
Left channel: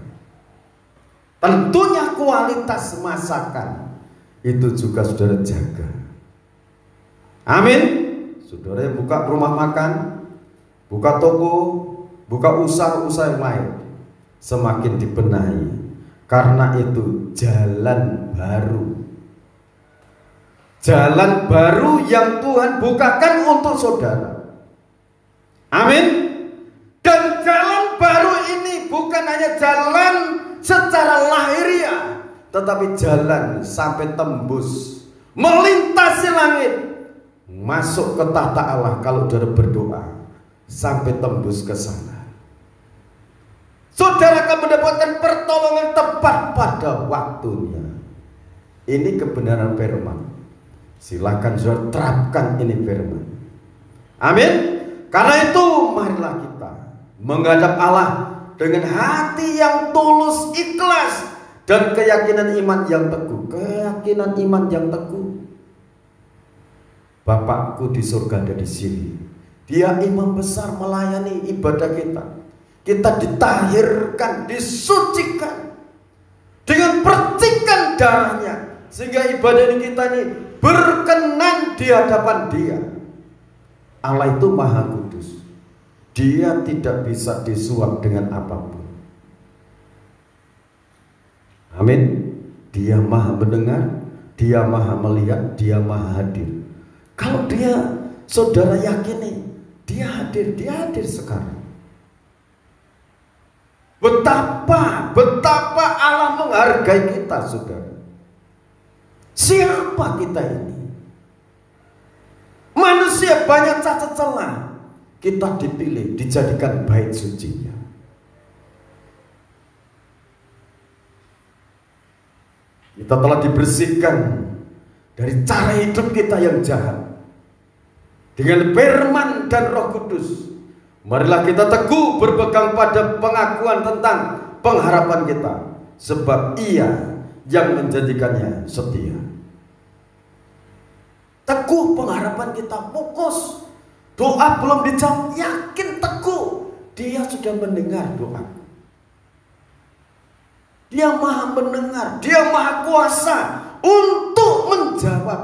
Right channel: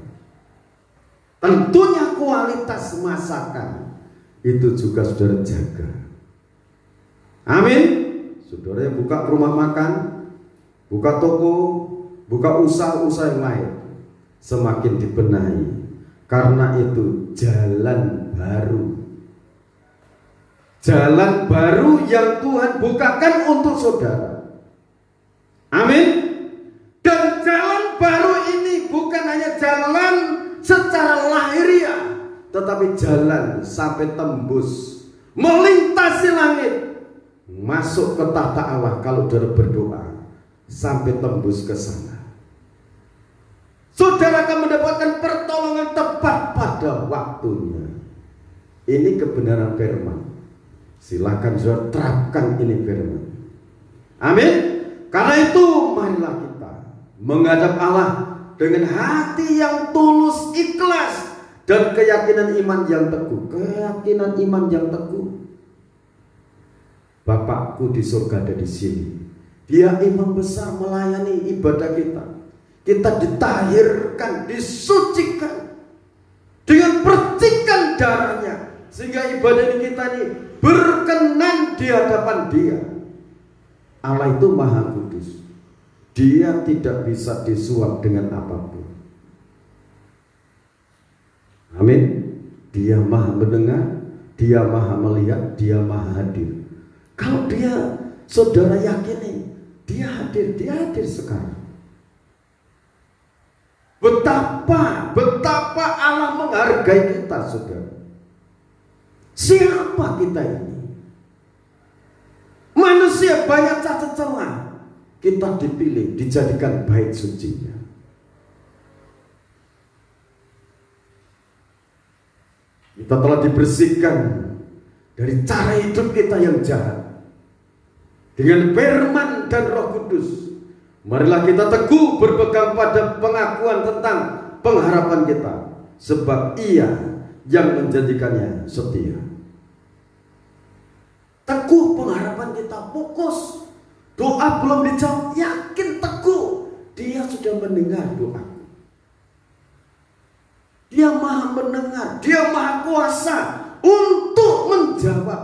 Tentunya kualitas masakan itu juga saudara jaga. Amin. Saudara yang buka rumah makan, buka toko, buka usaha-usaha yang lain, semakin dibenahi. Karena itu jalan baru. Jalan baru yang Tuhan bukakan untuk saudara. Amin. Dan jalan baru ini bukan hanya jalan secara lahiriah, tetapi jalan sampai tembus, melintasi langit, masuk ke tahta Allah. Kalau saudara berdoa sampai tembus ke sana, saudara akan mendapatkan pertolongan tepat pada waktunya. Ini kebenaran firman. Silakan saudara terapkan ini firman. Amin. Karena itu marilah kita menghadap Allah dengan hati yang tulus, ikhlas, dan keyakinan iman yang teguh. Keyakinan iman yang teguh. Bapakku di surga ada di sini. Dia imam besar melayani ibadah kita. Kita ditahirkan, disucikan dengan percikan darahnya, sehingga ibadah kita ini berkenan di hadapan Dia. Allah itu maha kudus. Dia tidak bisa disuap dengan apapun. Amin. Dia maha mendengar, Dia maha melihat, Dia maha hadir. Kalau Dia, saudara yakini Dia hadir sekarang. Betapa Allah menghargai kita, saudara. Siapa kita ini? Manusia banyak cacat celah. Kita dipilih, dijadikan bait sucinya. Kita telah dibersihkan dari cara hidup kita yang jahat dengan firman dan Roh Kudus. Marilah kita teguh berpegang pada pengakuan tentang pengharapan kita, sebab Ia yang menjadikannya setia. Teguh pengharapan kita, fokus. Doa belum dijawab, yakin teguh. Dia sudah mendengar doa. Dia maha mendengar, Dia maha kuasa untuk menjawab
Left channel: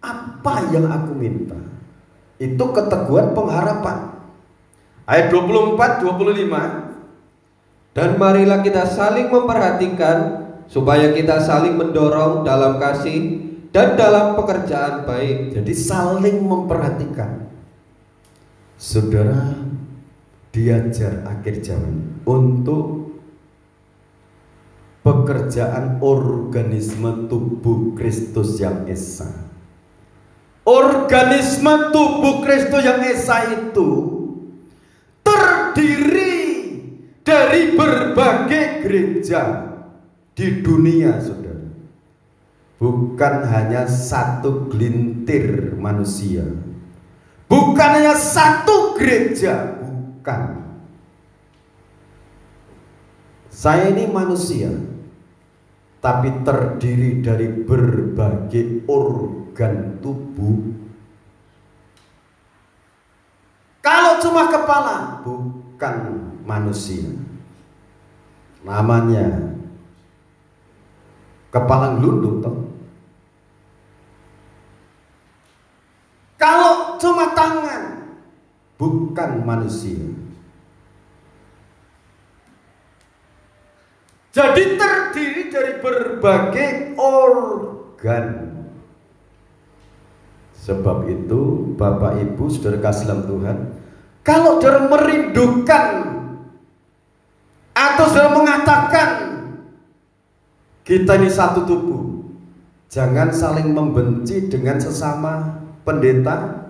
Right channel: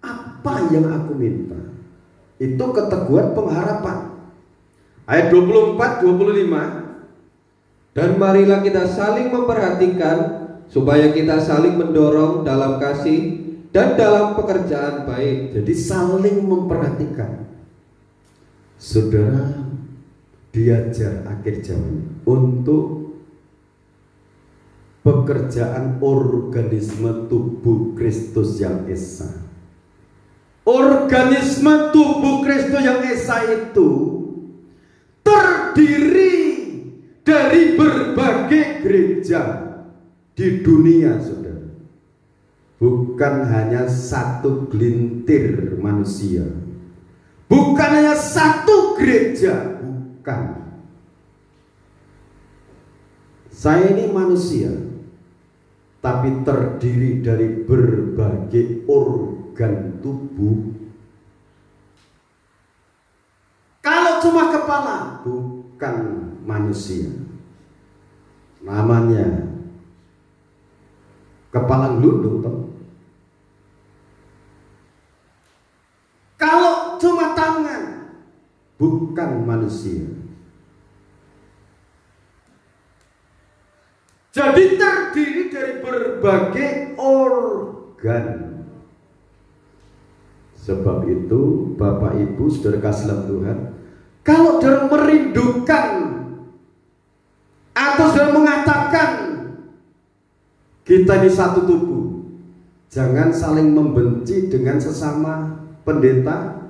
apa yang aku minta. Itu keteguhan pengharapan. Ayat 24-25. Dan marilah kita saling memperhatikan, supaya kita saling mendorong dalam kasih dan dalam pekerjaan baik. Jadi saling memperhatikan. Saudara diajar akhir zaman untuk pekerjaan organisme tubuh Kristus yang esa. Organisme tubuh Kristus yang esa itu terdiri dari berbagai gereja di dunia, saudara. Bukan hanya satu gelintir manusia, bukan hanya satu gereja, bukan. Saya ini manusia, tapi terdiri dari berbagai organ tubuh. Kalau cuma kepala, bukan manusia. Namanya kepala gelundung, toh. Kalau cuma tangan, bukan manusia. Jadi terdiri dari berbagai organ. Sebab itu Bapak Ibu saudara kasih dalam Tuhan, kalau saudara merindukan atau saudara mengatakan kita ini satu tubuh, jangan saling membenci dengan sesama pendeta,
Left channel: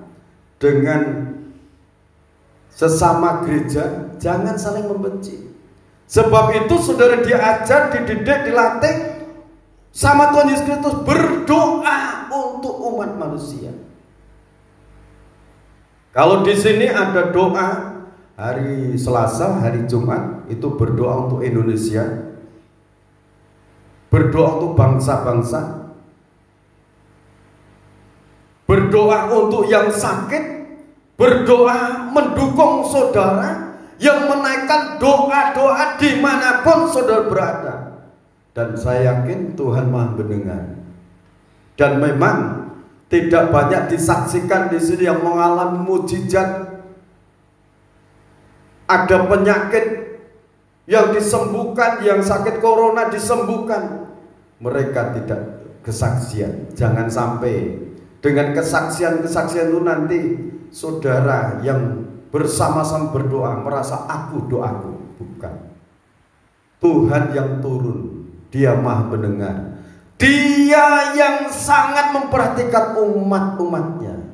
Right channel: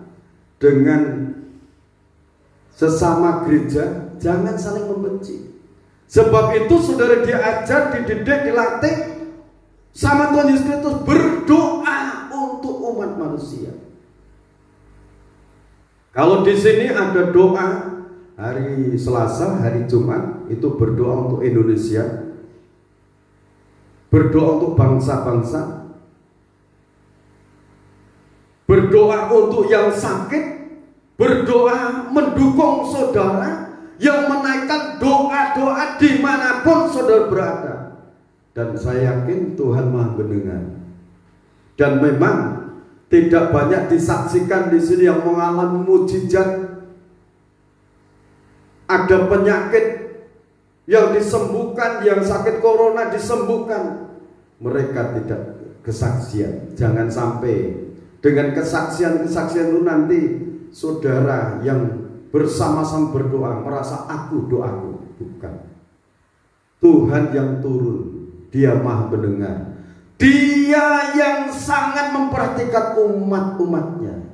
dengan sesama gereja, jangan saling membenci. Sebab itu saudara diajar, dididik, dilatih sama Tuhan Yesus Kristus berdoa untuk umat manusia. Kalau di sini ada doa hari Selasa, hari Jumat, itu berdoa untuk Indonesia, berdoa untuk bangsa-bangsa, berdoa untuk yang sakit, berdoa mendukung saudara yang menaikkan doa-doa dimanapun saudara berada. Dan saya yakin Tuhan Maha mendengar. Dan memang tidak banyak disaksikan di sini yang mengalami mukjizat. Ada penyakit yang disembuhkan, yang sakit corona disembuhkan. Mereka tidak kesaksian. Jangan sampai dengan kesaksian-kesaksian itu nanti saudara yang bersama-sama berdoa merasa aku doaku. Bukan. Tuhan yang turun, Dia Maha mendengar. Dia yang sangat memperhatikan umat-umatnya.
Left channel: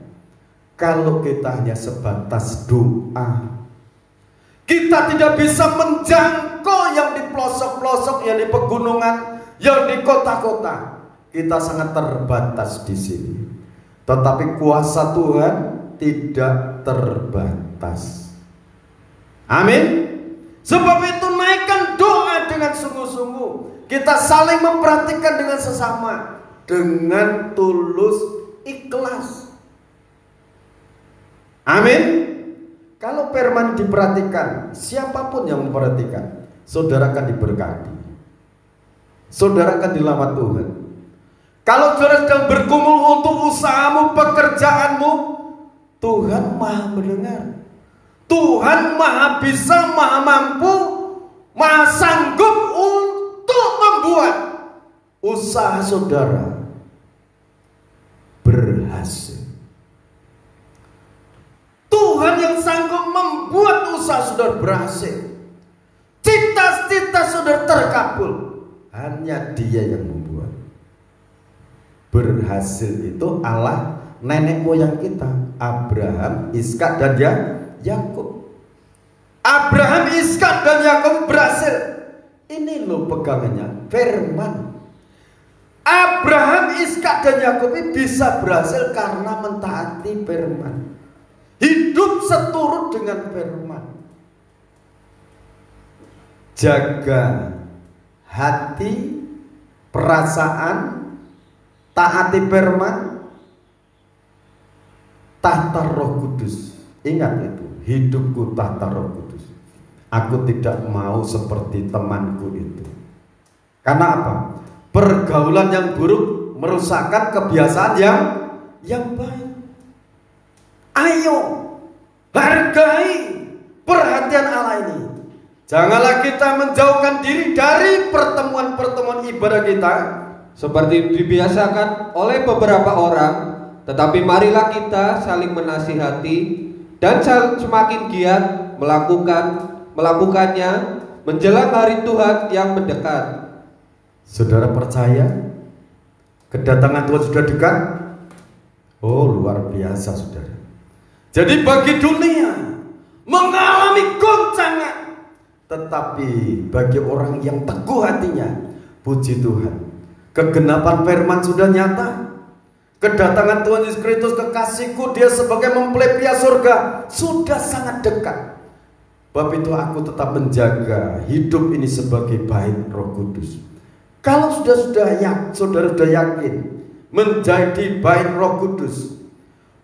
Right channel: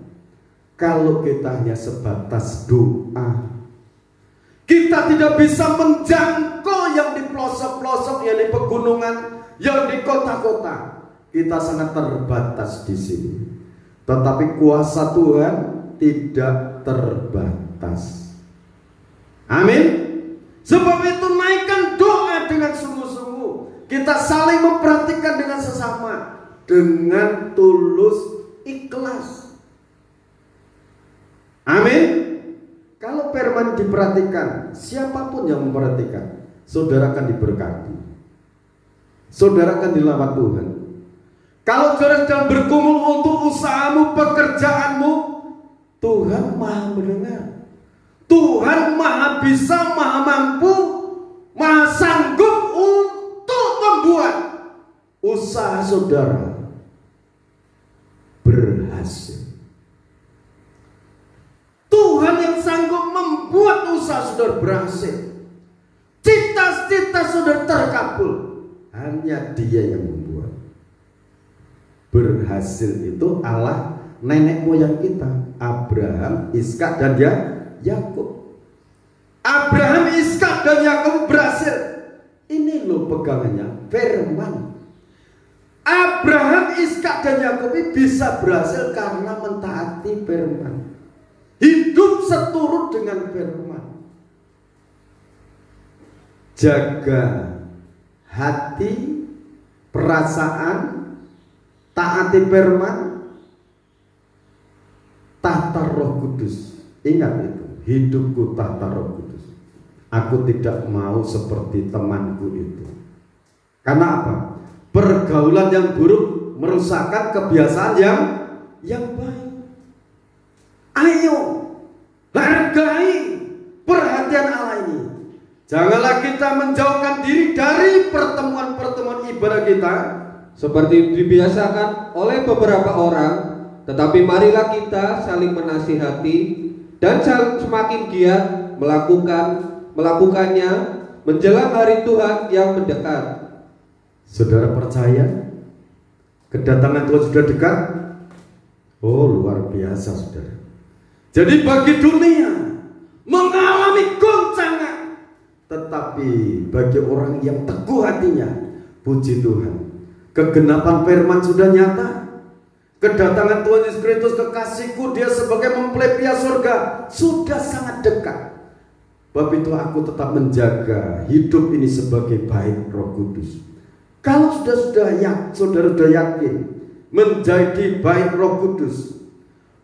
Kalau kita hanya sebatas doa, kita tidak bisa menjangkau yang di pelosok-pelosok, yang di pegunungan, yang di kota-kota. Kita sangat terbatas di sini. Tetapi kuasa Tuhan tidak terbatas. Amin. Sebab itu naikkan doa dengan sungguh-sungguh. Kita saling memperhatikan dengan sesama, dengan tulus ikhlas. Amin. Kalau firman diperhatikan, siapapun yang memperhatikan, saudara akan diberkati. Saudara akan dilamar Tuhan. Kalau saudara sedang bergumul untuk usahamu, pekerjaanmu, Tuhan Maha mendengar. Tuhan Maha bisa, Maha mampu, Maha sanggup untuk membuat usaha saudara berhasil. Tuhan yang sanggup membuat usaha saudara berhasil. Cita-cita saudara terkabul. Hanya Dia yang membuat. Berhasil itu Allah nenek moyang kita, Abraham, Ishak dan Yakub. Abraham, Ishak dan Yakub berhasil. Ini loh pegangannya firman. Abraham, Ishak dan Yakub ini bisa berhasil karena mentaati firman. Hidup seturut dengan firman. Jaga hati, perasaan, taati firman, tata Roh Kudus. Ingat itu, hidupku tata Roh Kudus. Aku tidak mau seperti temanku itu. Karena apa? Pergaulan yang buruk merusakkan kebiasaan yang baik. Ayo hargai perhatian Allah ini. Janganlah kita menjauhkan diri dari pertemuan-pertemuan ibadah kita seperti dibiasakan oleh beberapa orang, tetapi marilah kita saling menasihati dan semakin giat melakukannya menjelang hari Tuhan yang mendekat. Saudara percaya kedatangan Tuhan sudah dekat? Oh, luar biasa saudara. Jadi bagi dunia mengalami goncangan, tetapi bagi orang yang teguh hatinya, puji Tuhan, kegenapan firman sudah nyata. Kedatangan Tuhan Yesus Kristus kekasihku, Dia sebagai mempelai pria surga, sudah sangat dekat. Sebab itu aku tetap menjaga hidup ini sebagai bait Roh Kudus. Kalau saudara sudah yakin menjadi bait Roh Kudus,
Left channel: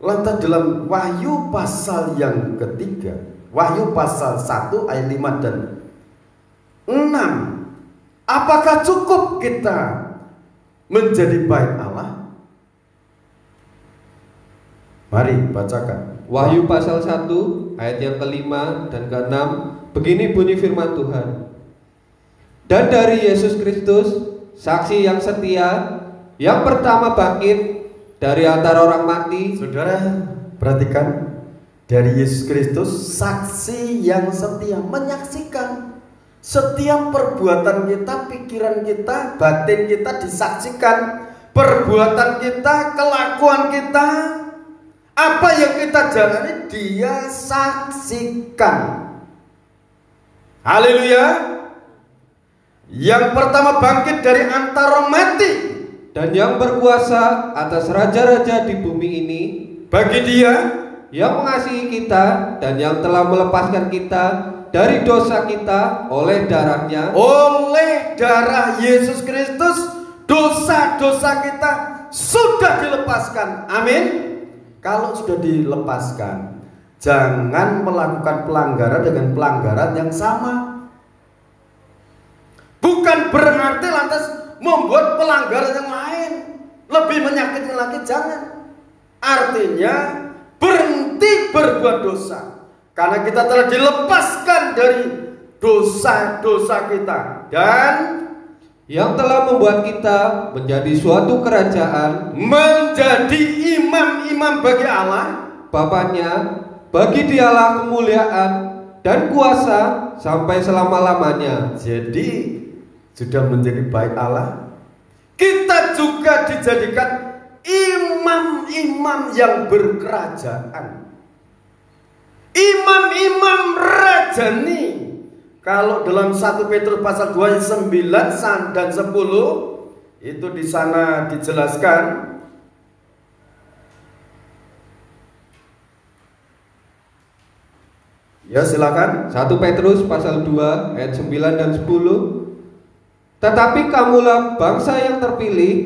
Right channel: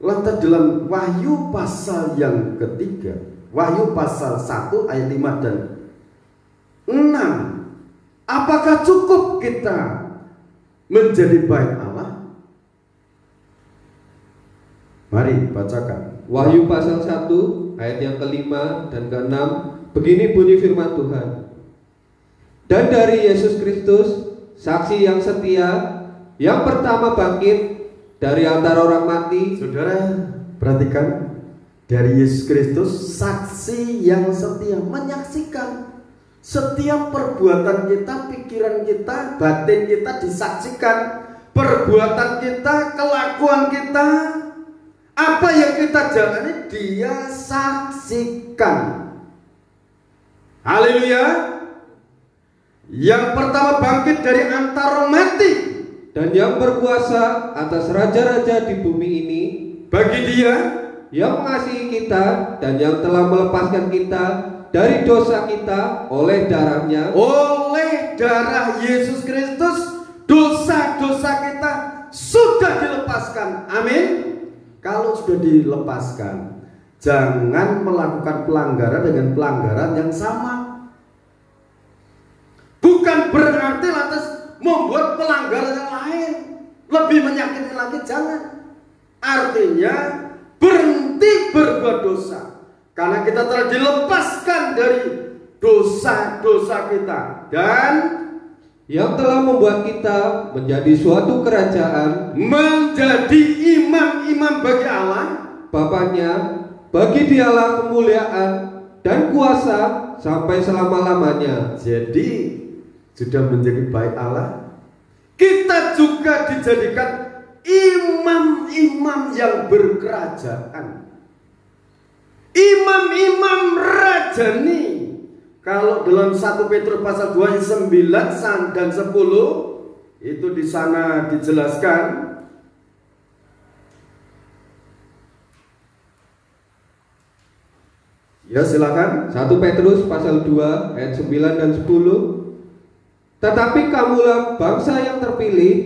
lantas dalam Wahyu pasal yang ketiga, Wahyu pasal 1 ayat 5 dan 6, apakah cukup kita menjadi bait Allah? Mari bacakan Wahyu pasal 1 ayat yang ke-5 dan ke-6. Begini bunyi firman Tuhan. Dan dari Yesus Kristus, saksi yang setia, yang pertama bangkit dari antara orang mati. Saudara perhatikan, dari Yesus Kristus, saksi yang setia, menyaksikan setiap perbuatan kita, pikiran kita, batin kita disaksikan. Perbuatan kita, kelakuan kita, apa yang kita jalani, Dia saksikan. Haleluya. Yang pertama bangkit dari antara orang mati, dan yang berkuasa atas raja-raja di bumi ini, bagi Dia yang mengasihi kita dan yang telah melepaskan kita dari dosa kita oleh darahnya. Oleh darah Yesus Kristus, dosa-dosa kita sudah dilepaskan. Amin. Kalau sudah dilepaskan, jangan melakukan pelanggaran dengan pelanggaran yang sama. Bukan berarti lantas membuat pelanggaran yang lain lebih menyakitkan lagi, jangan. Artinya berhenti berbuat dosa, karena kita telah dilepaskan dari dosa-dosa kita dan yang telah membuat kita menjadi suatu kerajaan, menjadi imam-imam bagi Allah, Bapaknya. Bagi Dialah kemuliaan dan kuasa sampai selama-lamanya. Jadi sudah menjadi baik Allah, kita juga dijadikan imam-imam yang berkerajaan, imam-imam rajani. Kalau dalam 1 Petrus pasal 2 ayat 9 dan 10 itu di sana dijelaskan. Ya, silakan. 1 Petrus pasal 2 ayat 9 dan 10. Tetapi kamulah bangsa yang terpilih,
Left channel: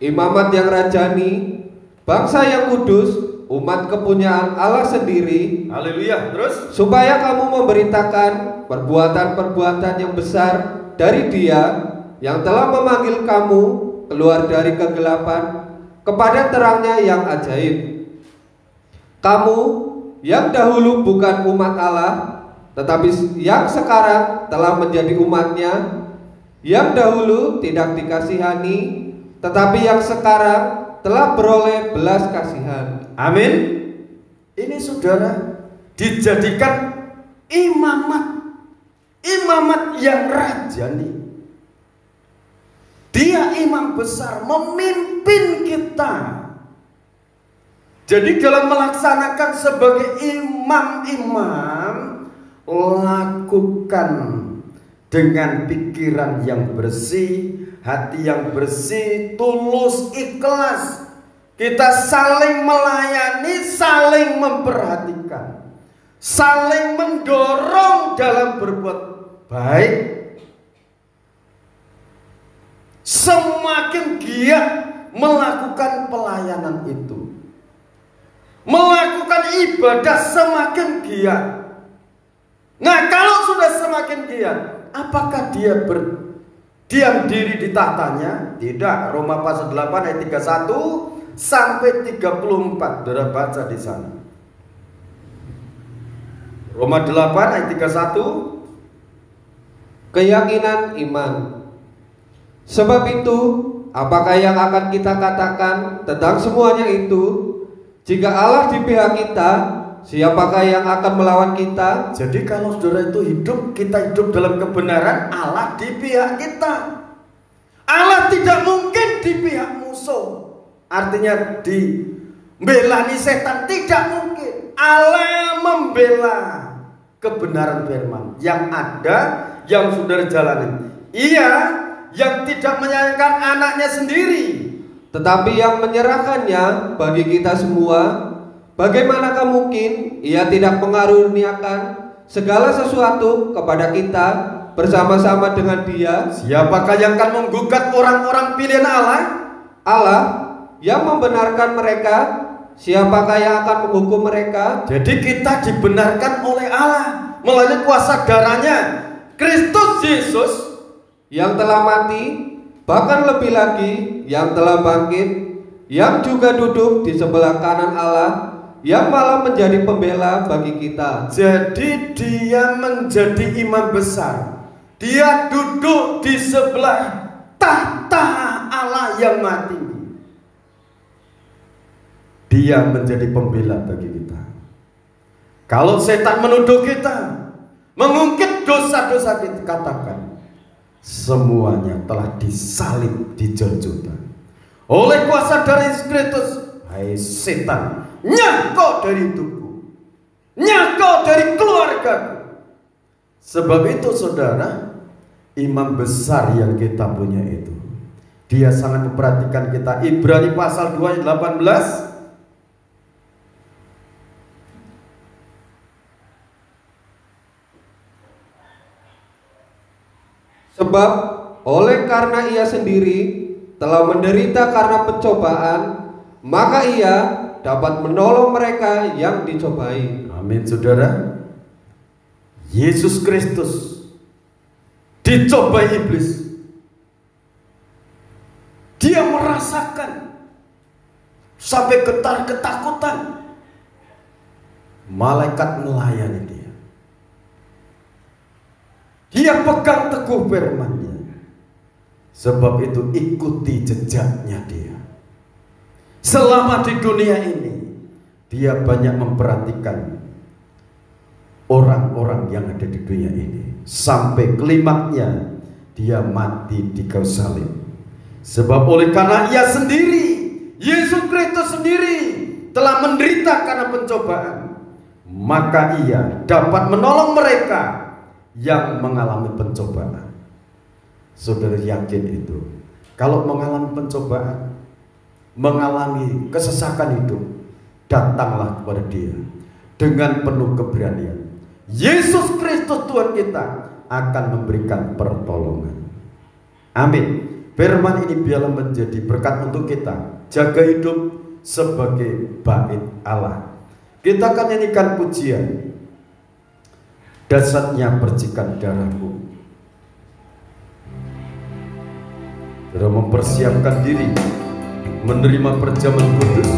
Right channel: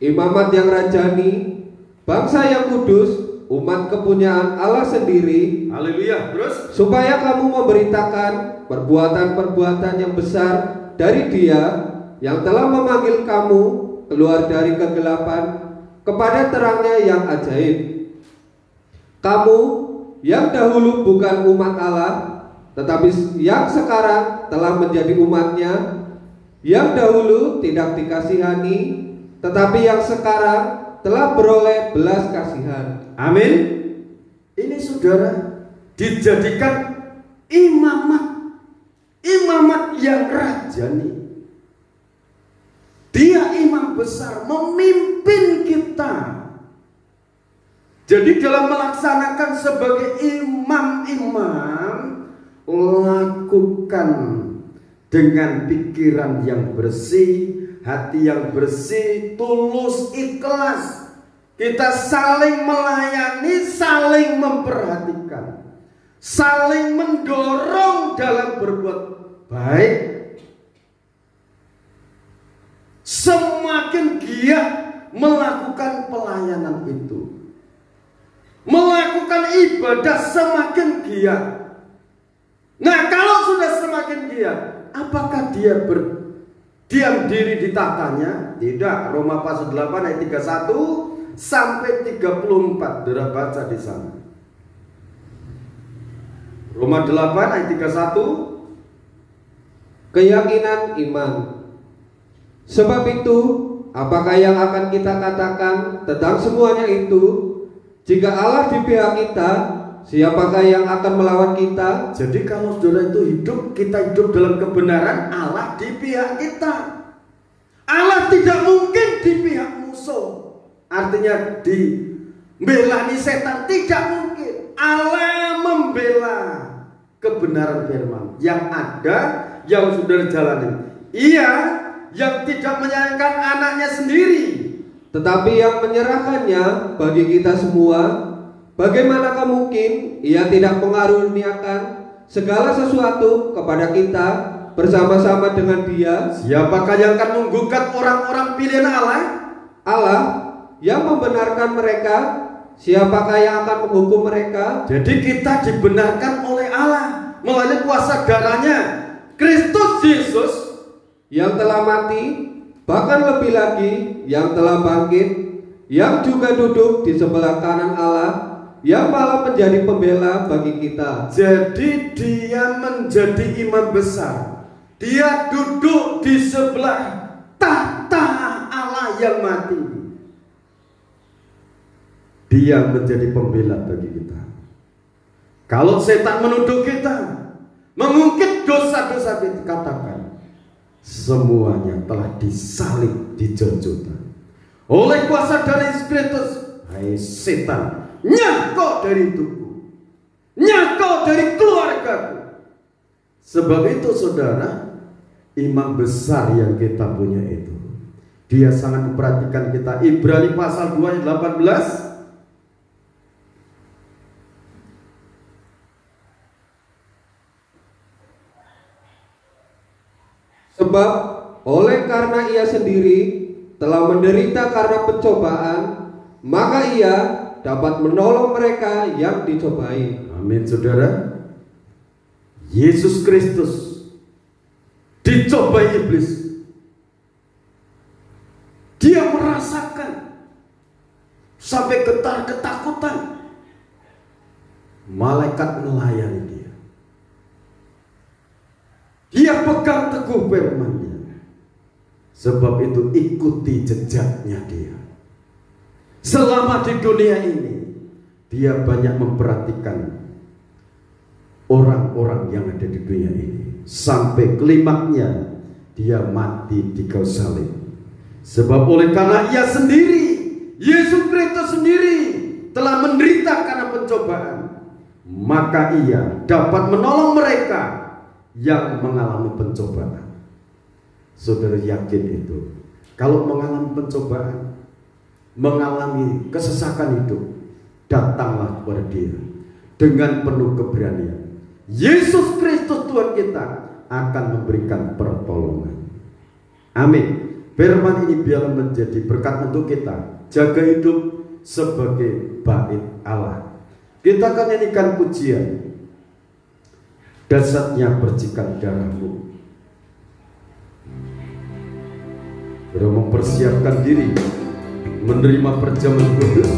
imamat yang rajani, bangsa yang kudus, umat kepunyaan Allah sendiri. Haleluya. Terus, supaya kamu memberitakan perbuatan-perbuatan yang besar dari Dia yang telah memanggil kamu keluar dari kegelapan kepada terangnya yang ajaib. Kamu yang dahulu bukan umat Allah, tetapi yang sekarang telah menjadi umatnya, yang dahulu tidak dikasihani, tetapi yang sekarang telah beroleh belas kasihan. amin. Ini saudara dijadikan imamat yang rajani. Dia imam besar, memimpin kita. Jadi dalam melaksanakan sebagai imam-imam, lakukan dengan pikiran yang bersih, hati yang bersih, tulus, ikhlas. Kita saling melayani, saling memperhatikan, saling mendorong dalam berbuat baik. Semakin giat melakukan pelayanan itu, melakukan ibadah semakin giat. Nah, kalau sudah semakin giat, apakah dia berdiam diri di tahtanya? Tidak. Roma pasal 8 ayat 31 sampai 34. Saudara baca di sana. Roma 8 ayat 31. Keyakinan iman. Sebab itu, apakah yang akan kita katakan tentang semuanya itu? Jika Allah di pihak kita, siapakah yang akan melawan kita? Jadi kalau saudara itu hidup, kita hidup dalam kebenaran, Allah di pihak kita. Allah tidak mungkin di pihak musuh. Artinya membela setan, tidak mungkin. Allah membela kebenaran firman yang ada, yang saudara jalani. Ia yang tidak menyayangkan anaknya sendiri, tetapi yang menyerahkannya bagi kita semua. Bagaimanakah mungkin Ia tidak mengaruniakan segala sesuatu kepada kita bersama-sama dengan Dia? Siapakah yang akan menggugat orang-orang pilihan Allah? Allah yang membenarkan mereka. Siapakah yang akan menghukum mereka? Jadi kita dibenarkan oleh Allah melalui kuasa darahnya Kristus Yesus yang telah mati, bahkan lebih lagi yang telah bangkit, yang juga duduk di sebelah kanan Allah, yang malah menjadi pembela bagi kita. Jadi dia menjadi imam besar. Dia duduk di sebelah tahta Allah yang mati. Dia menjadi pembela bagi kita. Kalau setan menuduh kita, mengungkit dosa-dosa kita, katakan semuanya telah disalib di Golgota oleh kuasa darah Yesus Kristus. Hai setan, nyangkau dari tubuh, nyangkau dari keluarga. Sebab itu saudara, imam besar yang kita punya itu, dia sangat memperhatikan kita. Ibrani pasal 2 ayat 18. Sebab oleh karena Ia sendiri telah menderita karena pencobaan, maka Ia dapat menolong mereka yang dicobai. Amin saudara. Yesus Kristus dicobai iblis. Dia merasakan sampai getar ketakutan. Malaikat melayani dia. Dia pegang teguh firman-Nya Sebab itu ikuti jejaknya dia. Selama di dunia ini dia banyak memperhatikan orang-orang yang ada di dunia ini. Sampai klimaknya dia mati di kayu salib. Sebab oleh karena ia sendiri, Yesus Kristus sendiri telah menderita karena pencobaan, maka ia dapat menolong mereka yang mengalami pencobaan. Saudara yakin itu? Kalau mengalami pencobaan, mengalami kesesakan itu, datanglah kepada dia dengan penuh keberanian. Yesus Kristus Tuhan kita akan memberikan pertolongan. Amin. Firman ini biarlah menjadi berkat untuk kita. Jaga hidup sebagai bait Allah. Kita akan nyanyikan pujian, dasarnya percikan darahmu. Sudah mempersiapkan diri menerima perjamuan kudus.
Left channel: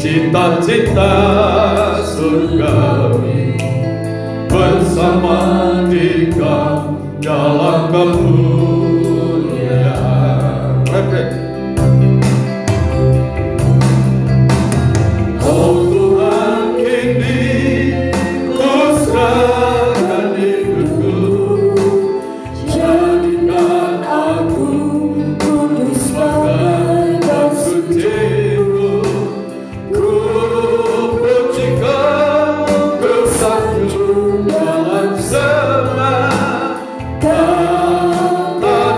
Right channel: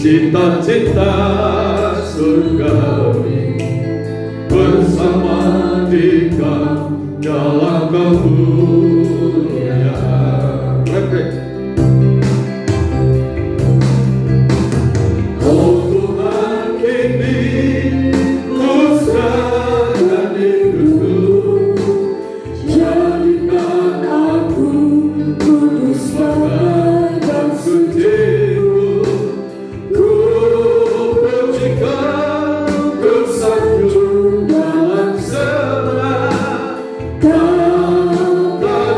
Cita-cita surgawi bersama Dikau dalam kemuliaan. Oh Tuhan, kini ku serahkan hidupku, jadikan aku kudus dan suci-Mu. Dalam semua kata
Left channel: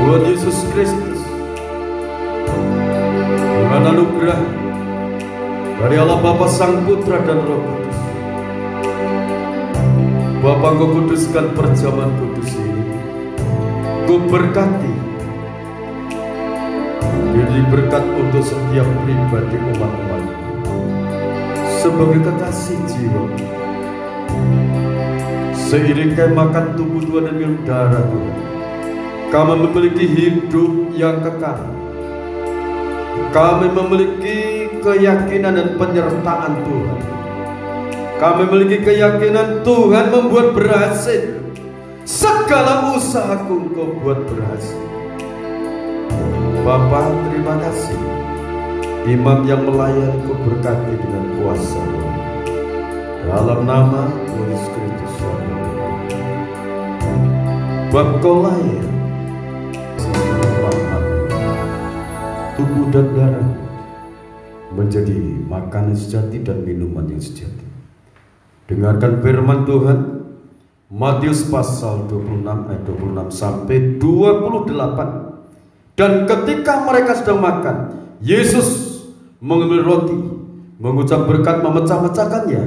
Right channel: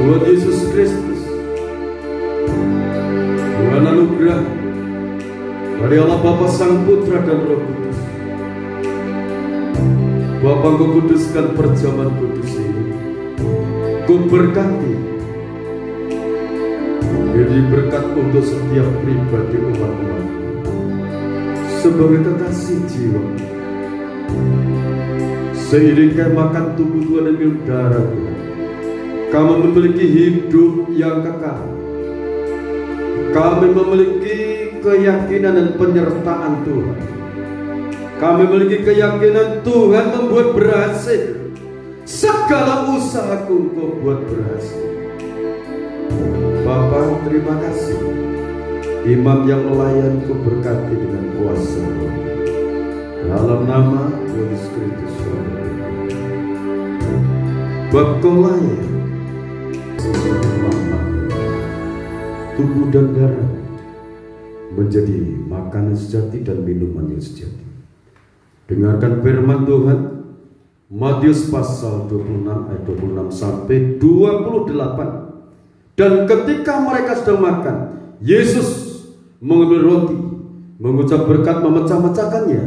Tuhan Yesus Kristus, dengan anugerah dari Allah Bapa, Sang Putra dan Roh Kudus, Bapa, Kau kuduskan perjamuan kudus ini, Kau berkati, beri berkat untuk setiap pribadi umat-Mu sebagai kekasih jiwa. Seiring kami makan tubuh Tuhan dan minum darah Tuhan, kami memiliki hidup yang kekal. Kami memiliki keyakinan dan penyertaan Tuhan. Kami memiliki keyakinan Tuhan membuat berhasil segala usahaku, Kau buat berhasil. Bapa, terima kasih. Imam yang melayani Kau berkati dengan kuasa dalam nama Yesus Kristus. Bab Kau layak tubuh dan darah menjadi makanan sejati dan minuman yang sejati. Dengarkan firman Tuhan, Matius pasal 26 ayat 26 sampai 28. Dan ketika mereka sedang makan, Yesus mengambil roti, mengucap berkat, memecah-mecahkannya,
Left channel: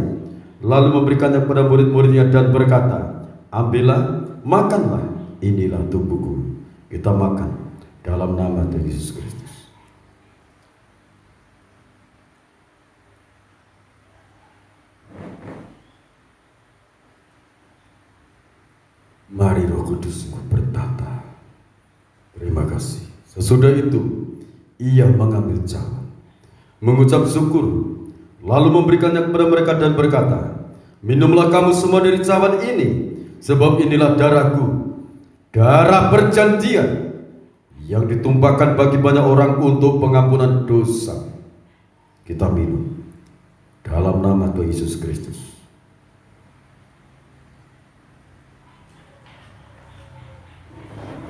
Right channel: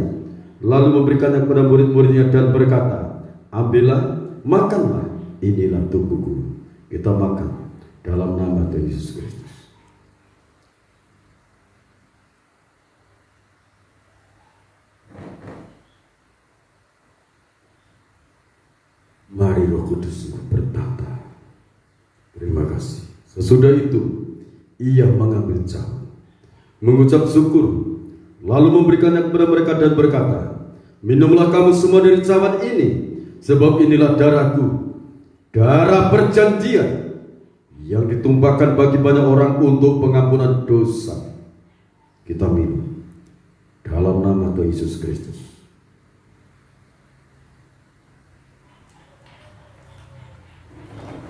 lalu memberikannya kepada murid-muridnya dan berkata, ambillah, makanlah, inilah tubuhku. Kita makan dalam nama Tuhan Yesus Kristus. Mari Roh Kudus bertata. Terima kasih. Sesudah itu ia mengambil cawan, mengucap syukur, lalu memberikannya kepada mereka dan berkata, minumlah kamu semua dari cawan ini, sebab inilah darahku, darah perjanjian yang ditumpahkan bagi banyak orang untuk pengampunan dosa. Kita minum dalam nama Tuhan Yesus Kristus.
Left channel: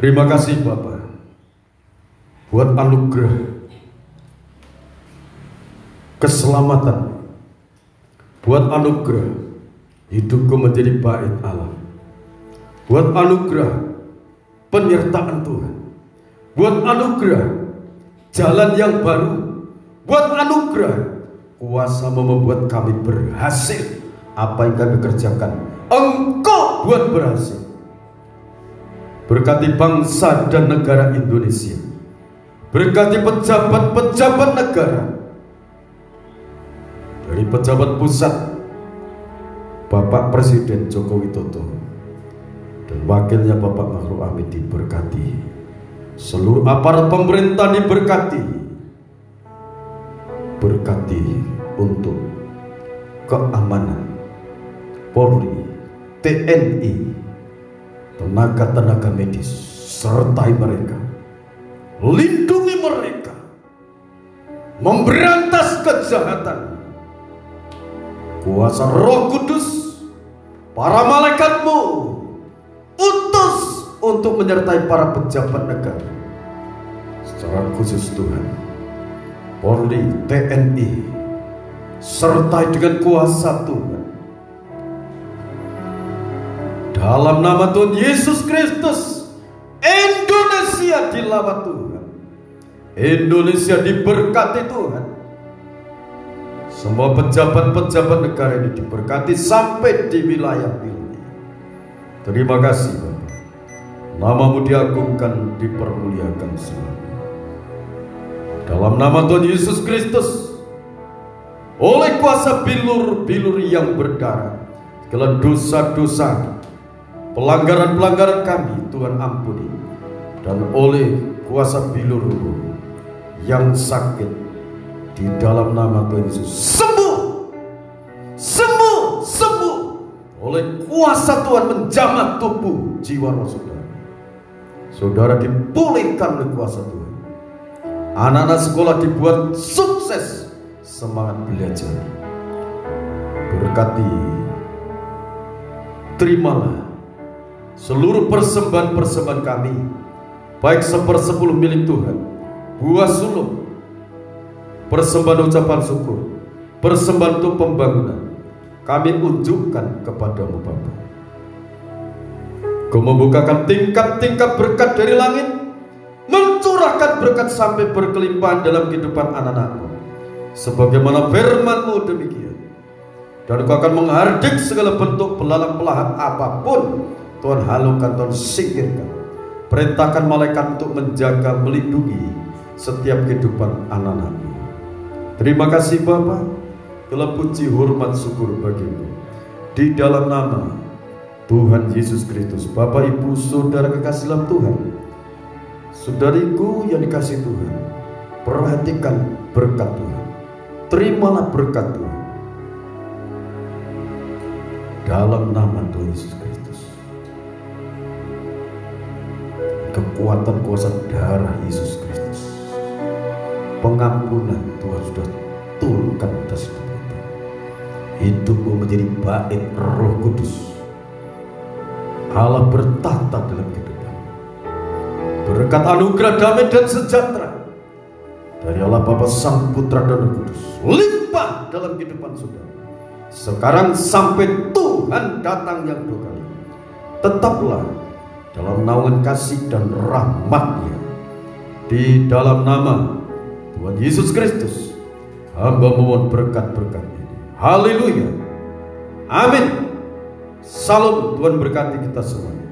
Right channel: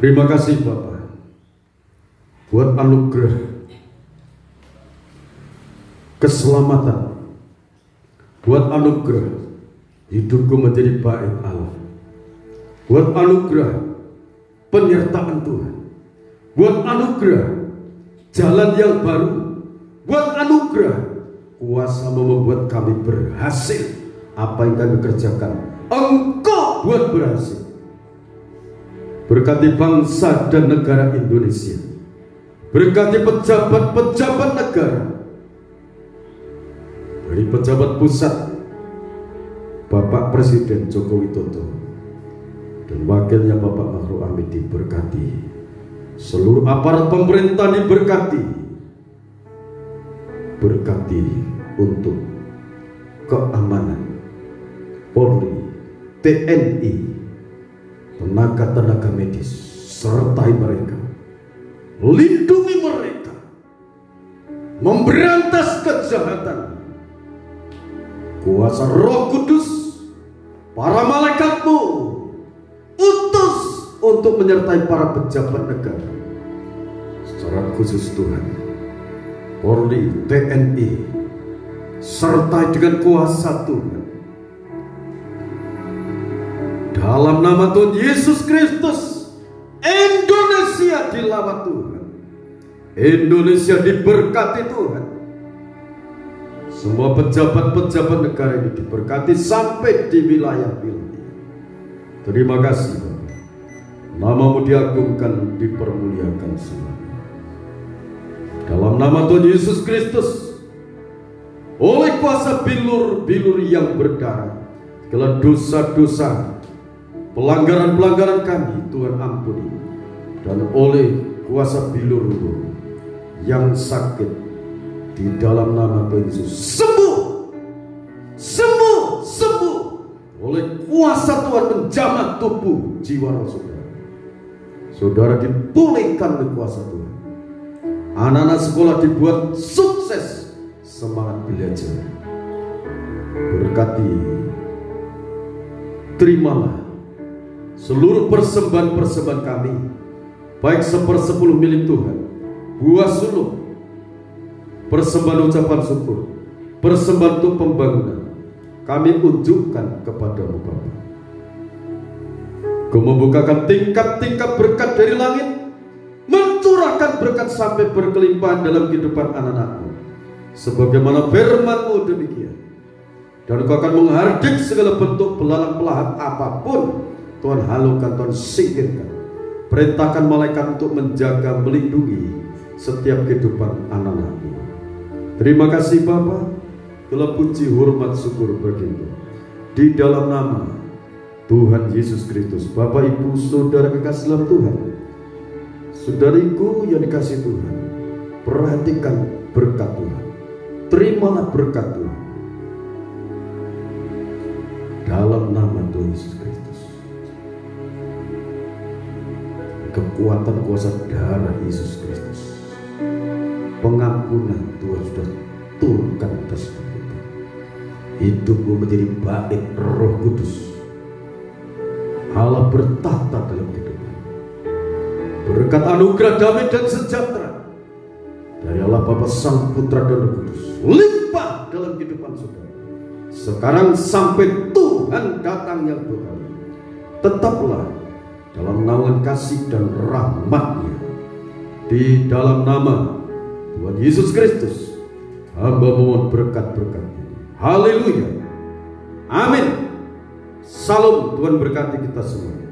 Terima kasih Bapa buat anugerah keselamatan, buat anugerah hidupku menjadi bait Allah, buat anugerah penyertaan Tuhan, buat anugerah jalan yang baru, buat anugerah kuasa membuat kami berhasil apa yang kami kerjakan. Engkau buat berhasil. Berkati bangsa dan negara Indonesia, berkati pejabat-pejabat negara, dari pejabat pusat Bapak Presiden Joko Widodo dan wakilnya Bapak Ma'ruf Amin diberkati, seluruh aparat pemerintah diberkati, berkati untuk keamanan Polri, TNI, tenaga-tenaga medis, sertai mereka, lindungi mereka, memberantas kejahatan. Kuasa Roh Kudus, para malaikatmu utus untuk menyertai para pejabat negara, secara khusus Tuhan, Polri, TNI, sertai dengan kuasa Tuhan. Dalam nama Tuhan Yesus Kristus, Indonesia dilawat Tuhan, Indonesia diberkati Tuhan. Semua pejabat-pejabat negara ini diberkati sampai di wilayah-wilayah. Terima kasih Bapak. Namamu diagungkan, dipermuliakan selamanya. Dalam nama Tuhan Yesus Kristus, oleh kuasa bilur-bilur yang berdarah, segala dosa-dosa, pelanggaran-pelanggaran kami Tuhan ampuni, dan oleh kuasa bilur yang sakit di dalam nama Tuhan Yesus sembuh, sembuh, sembuh oleh kuasa Tuhan menjamah tubuh jiwa saudara. Saudara dipulihkan oleh kuasa Tuhan. Anak-anak sekolah dibuat sukses, semangat belajar. Berkati, terimalah seluruh persembahan-persembahan kami, baik 1/10 milik Tuhan, buah sulung, persembahan ucapan syukur, persembahan untuk pembangunan, kami unjukkan kepada Bapa. Kau membukakan tingkat-tingkat berkat dari langit, mencurahkan berkat sampai berkelimpahan dalam kehidupan anak-anakmu. Sebagaimana firman-Mu demikian. Dan Engkau akan menghardik segala bentuk belalang pelahan apapun. Tuhan halukan, Tuhan singkirkan. Perintahkan malaikat untuk menjaga, melindungi setiap kehidupan anak-anakmu. Terima kasih Bapa. Segala puji, hormat, syukur bagimu. Di dalam nama Tuhan Yesus Kristus. Bapak, Ibu, Saudara kekasih dalam Tuhan, saudariku yang dikasih Tuhan, perhatikan berkat Tuhan. Terimalah berkat Tuhan dalam nama Tuhan Yesus Kristus. Kekuatan kuasa darah Yesus Kristus, pengampunan Tuhan sudah turunkan atas hidup kita. Hidupmu menjadi bait Roh Kudus. Allah bertata dalam kehidupan. Berkat anugerah damai dan sejahtera dari Allah Bapa, Sang Putra dan Roh Kudus limpah dalam kehidupan saudara. Sekarang sampai Tuhan datang yang dua kali, tetaplah dalam naungan kasih dan rahmat-Nya. Di dalam nama Tuhan Yesus Kristus, hamba mohon berkat-berkat-Nya. Haleluya. Amin. Salam, Tuhan berkati kita semua.